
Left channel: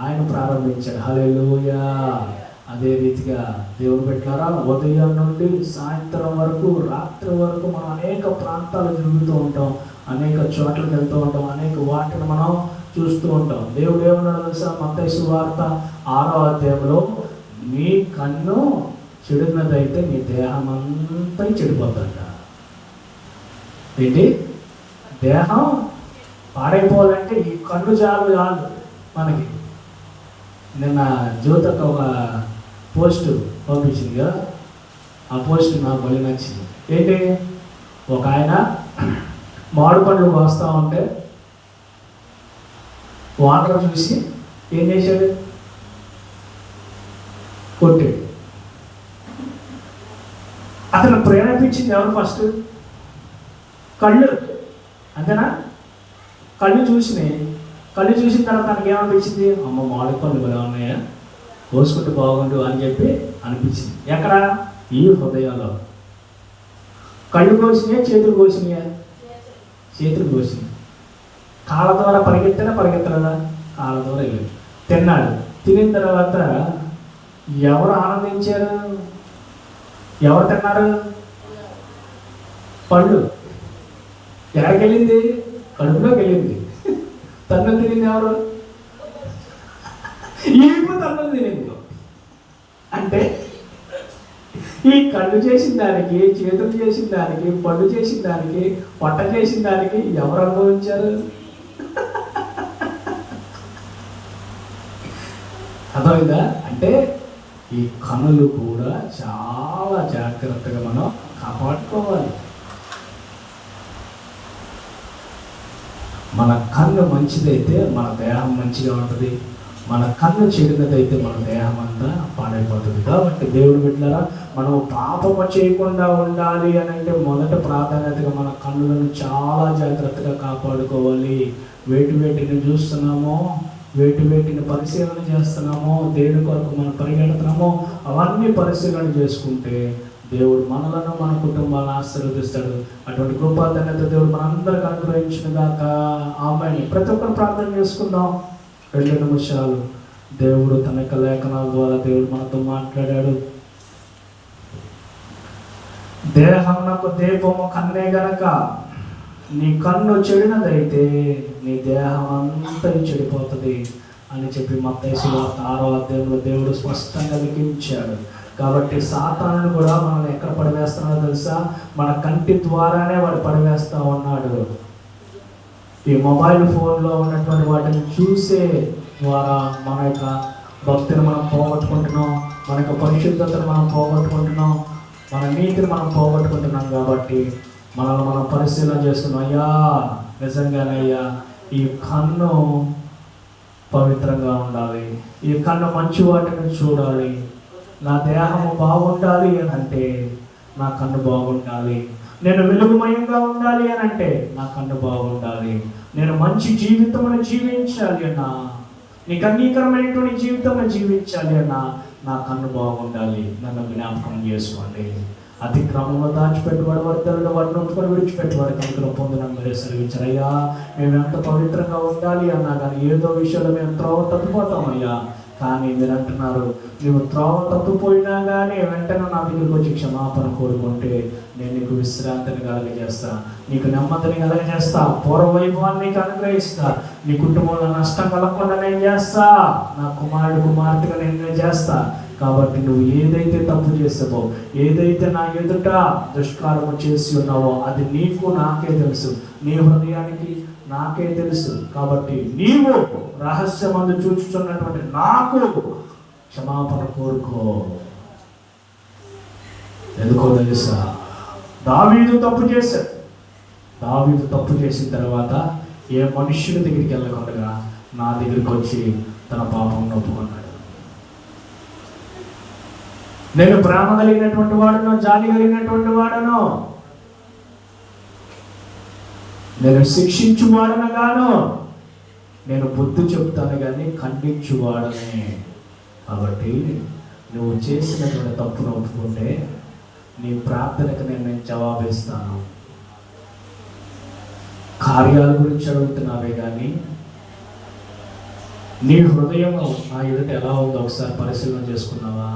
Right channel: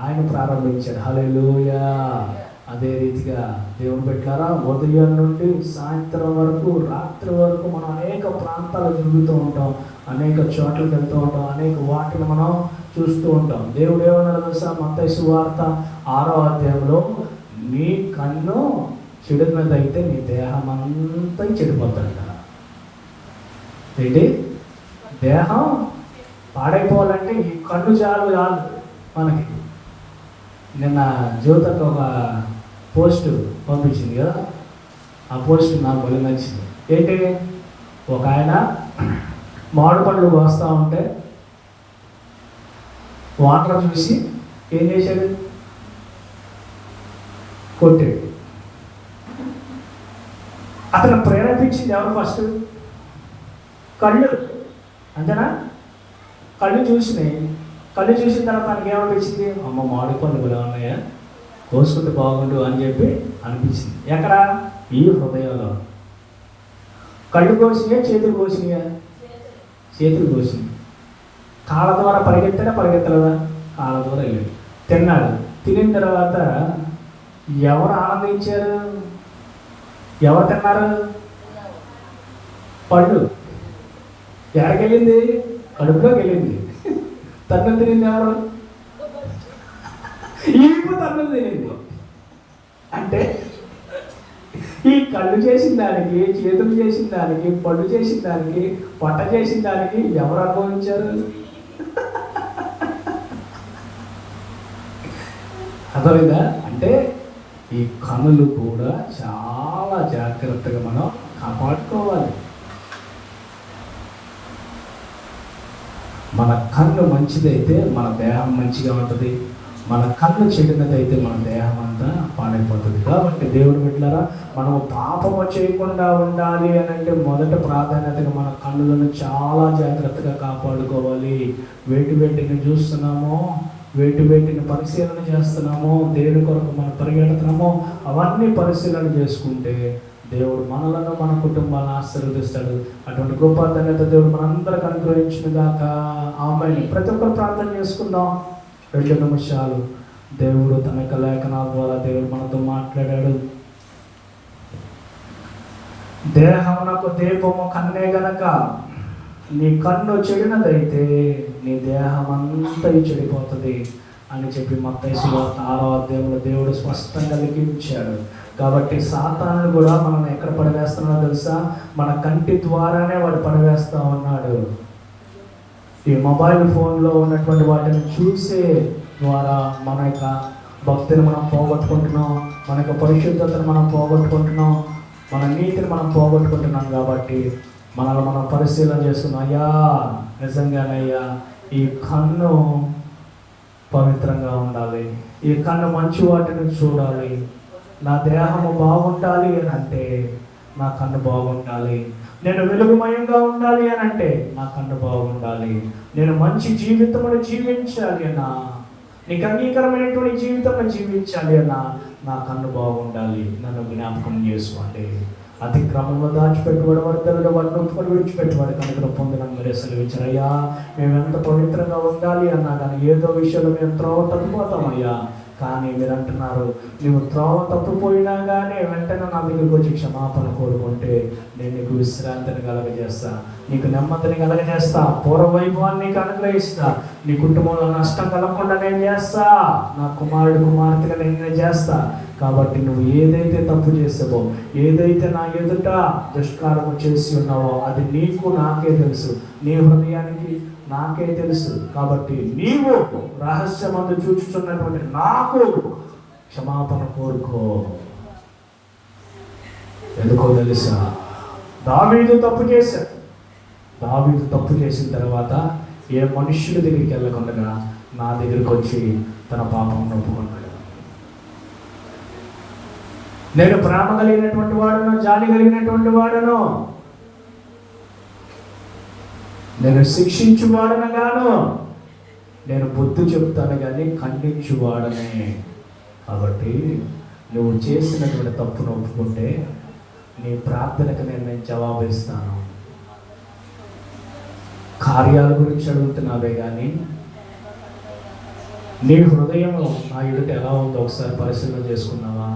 ఆయన ప్రారంభించాడు. హల్లెలూయా. అదే రీతిగా దేవుడు పెట్టారా, ఉదయం నుండి సాయంత్రం వరకు, రాత్రి వరకు మనం అనేక ప్రాంతాలు తిరుగుతూ ఉంటాం, అనేక చోట్లకి వెళ్తూ ఉంటాం, అనేక వాటిని మనం చూస్తూ ఉంటాం. దేవుడు ఏమన్నాడు తెలుసా? మత్తయి సువార్త 6వ అధ్యాయంలో, నీ కన్ను చెడినదైతే నీ దేహం అంతా చెడిపోతుంట. ఏంటి? దేహం పాడైపోవాలంటే ఈ కన్ను చాలు మనకి. నిన్న జ్యోతక ఒక పోస్ట్ పంపించింది కదా, ఆ పోస్ట్ నాకు మళ్ళీ నచ్చింది. ఏంటి? ఒక ఆయన మామిడి పండ్లు వస్తూ ఉంటే వాటర్ చూసి ఏం చేశాడు? కొట్టాడు. అతను ప్రేరేపించింది ఎవరు? ఫస్ట్ కళ్ళు, అంతేనా? కళ్ళు చూసినాయి. కళ్ళు చూసిన తర్వాత తనకి ఏమనిపించింది? అమ్మ మామిడి పళ్ళు ఎలా ఉన్నాయా, కోసుకుంటే బాగుండు అని చెప్పి అనిపించింది. ఎక్కడ? ఈ హృదయంలో. కళ్ళు కోసినాయా, చేతులు కోసినాయా? చేతులు కోసినాయి. కాళ్ళ ద్వారా పరిగెత్తలేదా? కాళ్ళ ద్వారా వెళ్ళాడు. తిన్నాడు. తినిన తర్వాత ఎవరు ఆనందించారు? ఎవరు తిన్నారు? పళ్ళు. ఎక్కడికి వెళ్ళింది? కడుపులోకి వెళ్ళింది. తన్నులు తినింది ఎవరు? ఈపు తన్నులు తినింది. అంటే ఈ కళ్ళు చేసిన దానికి, చేతులు చేసిన దానికి, పళ్ళు చేసిన దానికి, పొట్ట చేసిన దానికి ఎవరు అనుభవించారు? అర్థమైందా? అంటే ఈ కన్నులు కూడా చాలా జాగ్రత్తగా మనం కాపాడుకోవాలి. మన కన్ను మంచిదైతే మన దేహం మంచిగా ఉంటుంది. మన కన్ను చెడినదైతే మన దేహం అంతా పాడైపోతుంది. కాబట్టి దేవుడు బిడ్డలారా, మనం పాపము చేయకుండా ఉండాలి అని అంటే మొదట ప్రాధాన్యతగా మన కన్నులను చాలా జాగ్రత్తగా కాపాడుకోవాలి. వేటిని చూస్తున్నామో, వేటిని పరిశీలన చేస్తున్నామో, దేని కొరకు మనం పరిగెడుతున్నామో అవన్నీ పరిశీలన చేసుకుంటే దేవుడు మనలను, మన కుటుంబాలను ఆశీర్వదిస్తాడు. అటువంటి గొప్ప ధన్యత దేవుడు మనందరికి అనుగ్రహించుగాక. ఆమేన్. ప్రతి ఒక్కరు ప్రార్థన చేసుకుందాం. 2 నిమిషాలు. దేవుడు తన యొక్క లేఖనాల ద్వారా దేవుడు మనతో మాట్లాడాడు. దేహమునకు దీపము కన్నే గనక నీ కన్ను చెడినదైతే నీ దేహం అంతా చెడిపోతుంది అని చెప్పి మత్తయి సువార్త 6వ అధ్యాయంలో దేవుడు స్పష్టంగా లిఖించాడు. కాబట్టి సాతాను కూడా మనల్ని ఎక్కడ పడివేస్తున్నాడో తెలుసా? మన కంటి ద్వారానే వాడు పడివేస్తా ఉన్నాడు. ఈ మొబైల్ ఫోన్లో ఉన్నటువంటి వాటిని చూసే ద్వారా మన యొక్క భక్తిని మనం పోగొట్టుకుంటున్నాం, మన యొక్క పరిశుద్ధతను మనం పోగొట్టుకుంటున్నాం, మన నీతిని మనం పోగొట్టుకుంటున్నాం. కాబట్టి మనం పరిశీలన చేసుకున్నాం. అయ్యా, నిజంగానే అయ్యా, ఈ కన్ను పవిత్రంగా ఉండాలి, ఈ కన్ను మంచి వాటిని చూడాలి, నా దేహం బాగుండాలి అని అంటే నా కన్ను బాగుండాలి, నేను వెలుగుమయంగా ఉండాలి అని అంటే నా కన్ను బాగుండాలి, నేను మంచి జీవితంలో జీవించాలి అన్నా, నీకు అంగీకరమైనటువంటి జీవితంలో జీవించాలి అన్నా నా కన్ను బాగుండాలి. నన్ను జ్ఞాపకం చేసుకోండి. అతిక్రమంలో దాచిపెట్టుబడి వర్ధనుడు వాడిని ఒప్పుకొని విడిచిపెట్టుబడి కనుక పొందడం మీరే సెలవించారు. అయ్యా, మేము ఎంత పవిత్రంగా ఉండాలి అన్నా కానీ ఏదో విషయంలో మేము త్రోవ తప్పిపోతామయ్యా. కానీ మీరు అంటున్నారు, నువ్వు త్రోవ తప్పిపోయినా కానీ వెంటనే నా దగ్గరకు వచ్చి క్షమాపణ కోరుకుంటే నేను నీకు విశ్రాంతిని కలగజేస్తా, నీకు నెమ్మదిని కలగజేస్తా, పూర్వవైభవాన్ని నీకు అనుగ్రహిస్తా, నీ కుటుంబంలో నష్టం కలగకుండా నేను చేస్తా, నా కుమార్తెగా నేను చేస్తా. కాబట్టి నువ్వు ఏదైతే తప్పు చేసావో, ఏదైతే నా ఎదుట దుష్కారము చేసి ఉన్నావో అది నీకు నాకే తెలుసు, నీ హృదయానికి నాకే తెలుసు. కాబట్టి నీవు రహస్యమందు చూచుచున్నటువంటి నాకు క్షమాపణ కోరుకో. ఎందుకో తెలుసా? దావీదు తప్పు చేశాడు. దావీదు తప్పు చేసిన తర్వాత ఏ మనుష్యుడి దగ్గరికి వెళ్ళకుండా నా దగ్గరికి వచ్చి తన పాపం ఒప్పుకున్నాడు. నేను ప్రేమ కలిగినటువంటి వాడును, జాలి కలిగినటువంటి వాడును, నేను శిక్షించువాడను గాను, నేను బుద్ధి చెప్తాను కానీ ఖండించువాడనే. కాబట్టి నువ్వు చేసినటువంటి తప్పును ఒప్పుకుంటే నీ ప్రార్థనకు నేను జవాబిస్తాను. కార్యాల గురించి అడుగుతున్నావే కానీ నీ హృదయం నా ఎదుట ఎలా ఉందో ఒకసారి పరిశీలన చేసుకున్నావా?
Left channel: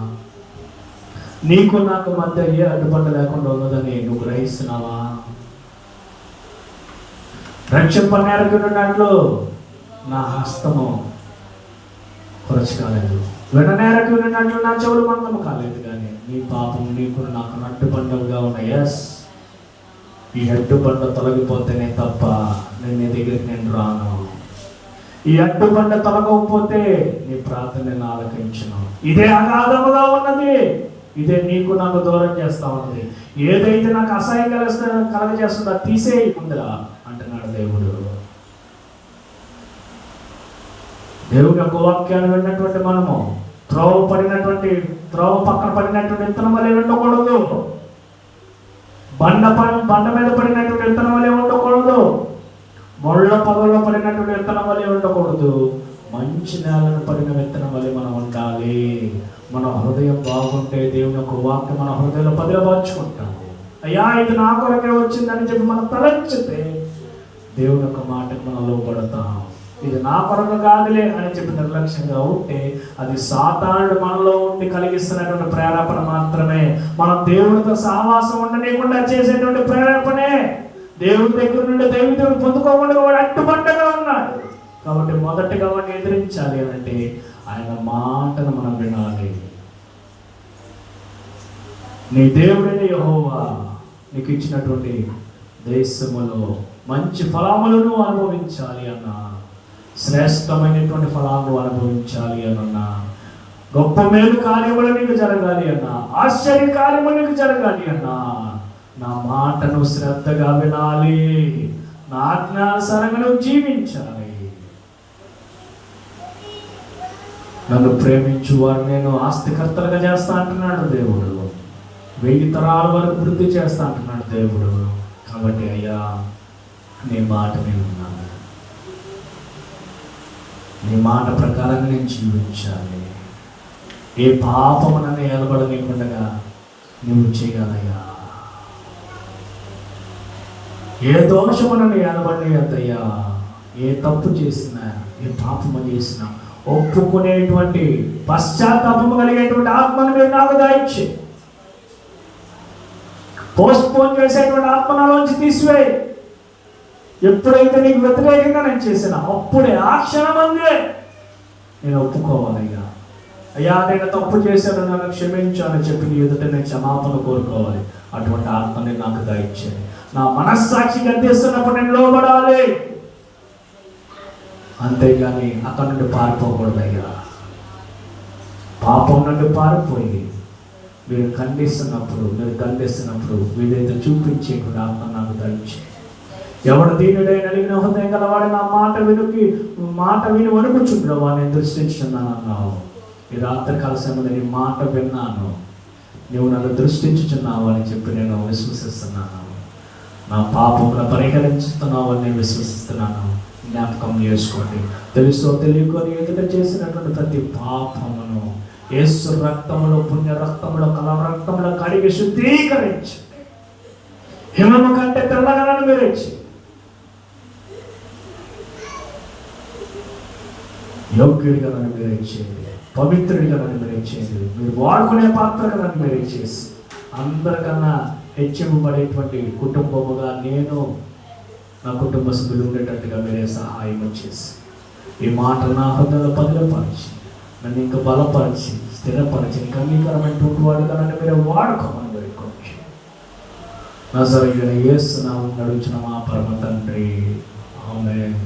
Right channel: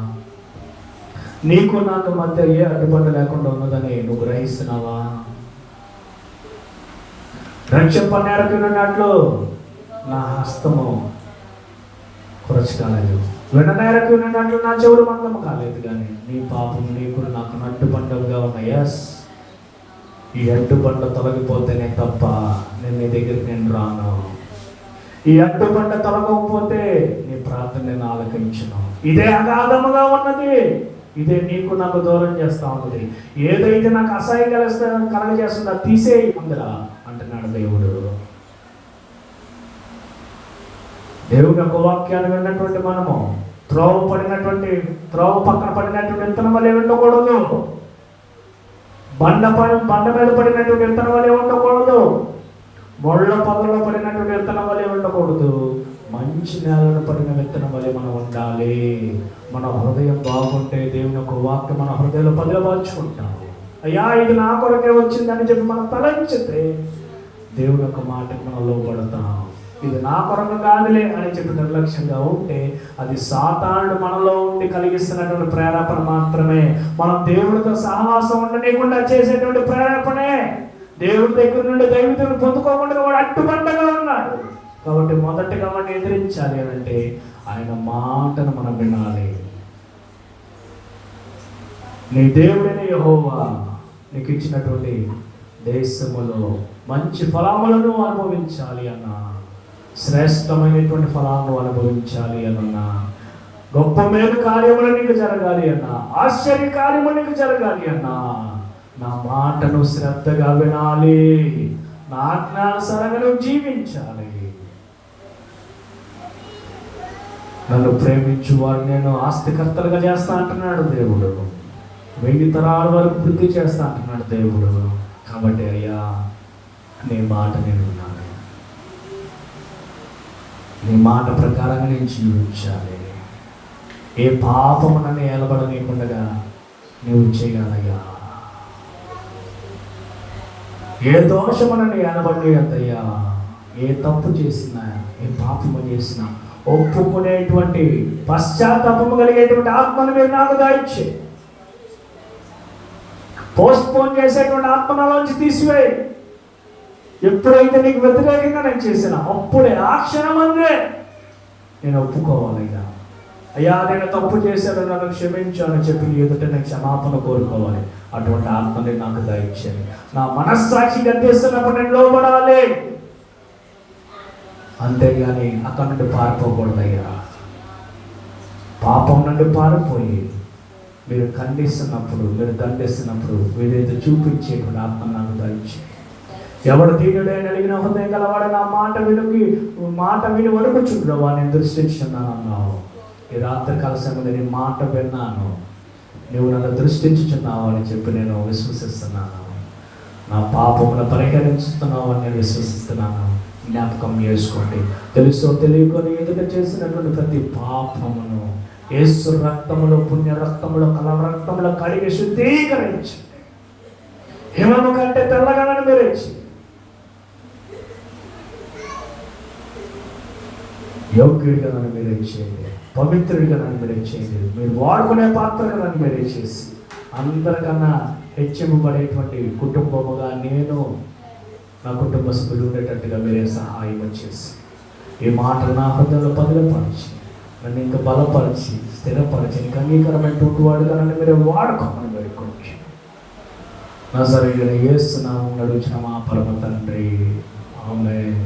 నీకు నాకు మధ్య ఏ అడ్డుపడ్డ లేకుండా ఉన్నదని నువ్వు గ్రహిస్తున్నావా? రక్షింపనేరకున్నట్లు నా హస్తము కురచి కాలేదు, విననేరకున్నట్లు నా చెవుడు మందము కాలేదు. కానీ నీ పాపం నీకు నాకు అడ్డుపడ్డవుగా ఉన్నాయి. ఎస్, ఈ అడ్డుపడ్డ తొలగిపోతేనే తప్ప నేను నీ దగ్గరికి నేను రాను. ఈ అడ్డుపడ్డ తొలగకపోతే నీ ప్రార్థన నేను ఆలకించను. ఇదే అగాధముగా ఉన్నది, ఇదే నీకు నాకు దూరం చేస్తా ఉన్నది. ఏదైతే నాకు అసహ్యం కలగజేస్తుందో తీసేయి ఉందా అంటున్నాడు దేవుడు. దేవుడి యొక్క వాక్యాన్ని విన్నటువంటి మనము త్రోవ పడినటువంటి విత్తనం వలె ఉండకూడదు. బండ మీద పడినటువంటి విత్తనం వలె ఉండకూడదు. ముళ్ళ పొదల్లో పడినటువంటి విత్తనం వలె ఉండకూడదు. మంచి నేలను పడిన విత్తనం వలె మనం ఉండాలి. మన హృదయం బాగుంటే దేవుని యొక్క వాక్యం మన హృదయంలో భద్రపరుచుకుంటాం. అయ్యా ఇది నా కొరకే వచ్చిందని చెప్పి మనం తలంచితే దేవుని యొక్క మాటకు మనం లోబడతాం. ఇది నా కొరకు కాదులే అని చెప్పి నిర్లక్ష్యంగా ఉంటే అది సాతానుడు మనలో ఉండి కలిగిస్తున్నటువంటి ప్రేరేపణ మాత్రమే. మనం దేవుడితో సహవాసం ఉండనీయకుండా చేసేటువంటి ప్రేరేపణే. దేవుడి దగ్గర నుండి దైవతుడు పొందుకోకుండా వాడు అడ్డుబండగా ఉన్నాడు. కాబట్టి మొదటిగా మనం ఎదిరించాలి అంటే ఆయన మాటను మనం వినాలి. నీ దేవుడైన యెహోవా నీకు ఇచ్చినటువంటి దేశములో మంచి ఫలములను అనుభవించాలి అన్నా, శ్రేష్టమైనటువంటి ఫలాలను అనుభవించాలి అన్నా, గొప్ప మేలు కార్యములు నీకు జరగాలి అన్నా, ఆశ్చర్య కార్యములు నీకు జరగాలి అన్నా, నా మాటను శ్రద్ధగా వినాలి, నా ఆజ్ఞానుసారంగా నువ్వు జీవించాలి. నన్ను ప్రేమించు వారు నేను ఆస్తికర్తలుగా చేస్తా అంటున్నాడు దేవుడు. 1000 తరాల వరకు వృద్ధి చేస్తా అంటున్నాడు దేవుడు. కాబట్టి అయ్యా నీ మాట నేను వినాలి, నీ మాట ప్రకారంగా నేను జీవించాలి. ఏ పాపము నన్ను ఏలబడనీయకుండా నీవు చేయగలయ్యా. ఏ దోషము నన్ను ఏలబడలేదయ్యా. ఏ తప్పు చేసినా, ఏ పాపము చేసినా ఒప్పుకునేటువంటి పశ్చాత్తాపము కలిగేటువంటి ఆత్మను మీరు నాకు దయచే. పోస్ట్పోన్ చేసేటువంటి ఆత్మలోంచి తీసివేయి. ఎప్పుడైతే నీకు వ్యతిరేకంగా నేను చేసినా అప్పుడే ఆ క్షణమందే నేను ఒప్పుకోవాలిగా. అయ్యా నేను తప్పు చేశాను, నన్ను క్షమించు అని చెప్పి నీ ఎదుట నేను క్షమాపణ కోరుకోవాలి. అటువంటి ఆత్మని నాకు దయచేయండి. నా మనస్సాక్షి గద్దిస్తున్నప్పుడు నేను లోబడాలి, అంతేగాని అక్కడి నుండి పారిపోకూడదయ్యా. పాపం నుండి పారిపోయి మీరు ఖండిస్తున్నప్పుడు, మీరు దండిస్తున్నప్పుడు మీరైతే చూపించేటువంటి ఆత్మ నాకు దయచేయండి. ఎవడు దీనుడే నలిగిన హృదయం గలవాడు నా మాట విని వణుకుచుండో వాడిని దృష్టించున్నాను అన్నావు. ఈ రాత్రికాల సమయంలో నీ మాట విన్నాను, నువ్వు నన్ను దృష్టించుచున్నావు అని చెప్పి నేను విశ్వసిస్తున్నాను. నా పాపమును పరిహరించుతున్నావు అని నేను విశ్వసిస్తున్నాను. జ్ఞాపకం చేసుకోండి. తెలుసో తెలియకొని ఎదుట చేసినటువంటి ప్రతి పాపమును యేసు రక్తములో, పుణ్య రక్తములో, కల రక్తములో కడిగి శుద్ధీకరించండి. హిమము కంటే తెల్లగా నన్ను మీరేచి యోగ్యుడిగా నన్ను మీరే చేయండి, పవిత్రుడిగా నన్ను మీరే చేయండి. మీరు వాడుకునే పాత్రగా నన్ను మీరే చేసి అందరికన్నా హెచ్చింపబడేటువంటి కుటుంబముగా నేను, నా కుటుంబ సభ్యులు ఉండేటట్టుగా మీరే సహాయం చేసి ఈ మాట నా హృదయంలో పదిలపరిచి నన్ను ఇంకా బలపరిచి స్థిరపరిచి నీకు అంగీకారమైనటువంటి వాడుగా నన్ను మీరు వాడుకోమని వేడుకోండి. నా సరైన యేసు నామమున అడుగుచున్నాము మా పరమ తండ్రి. ఆమేన్.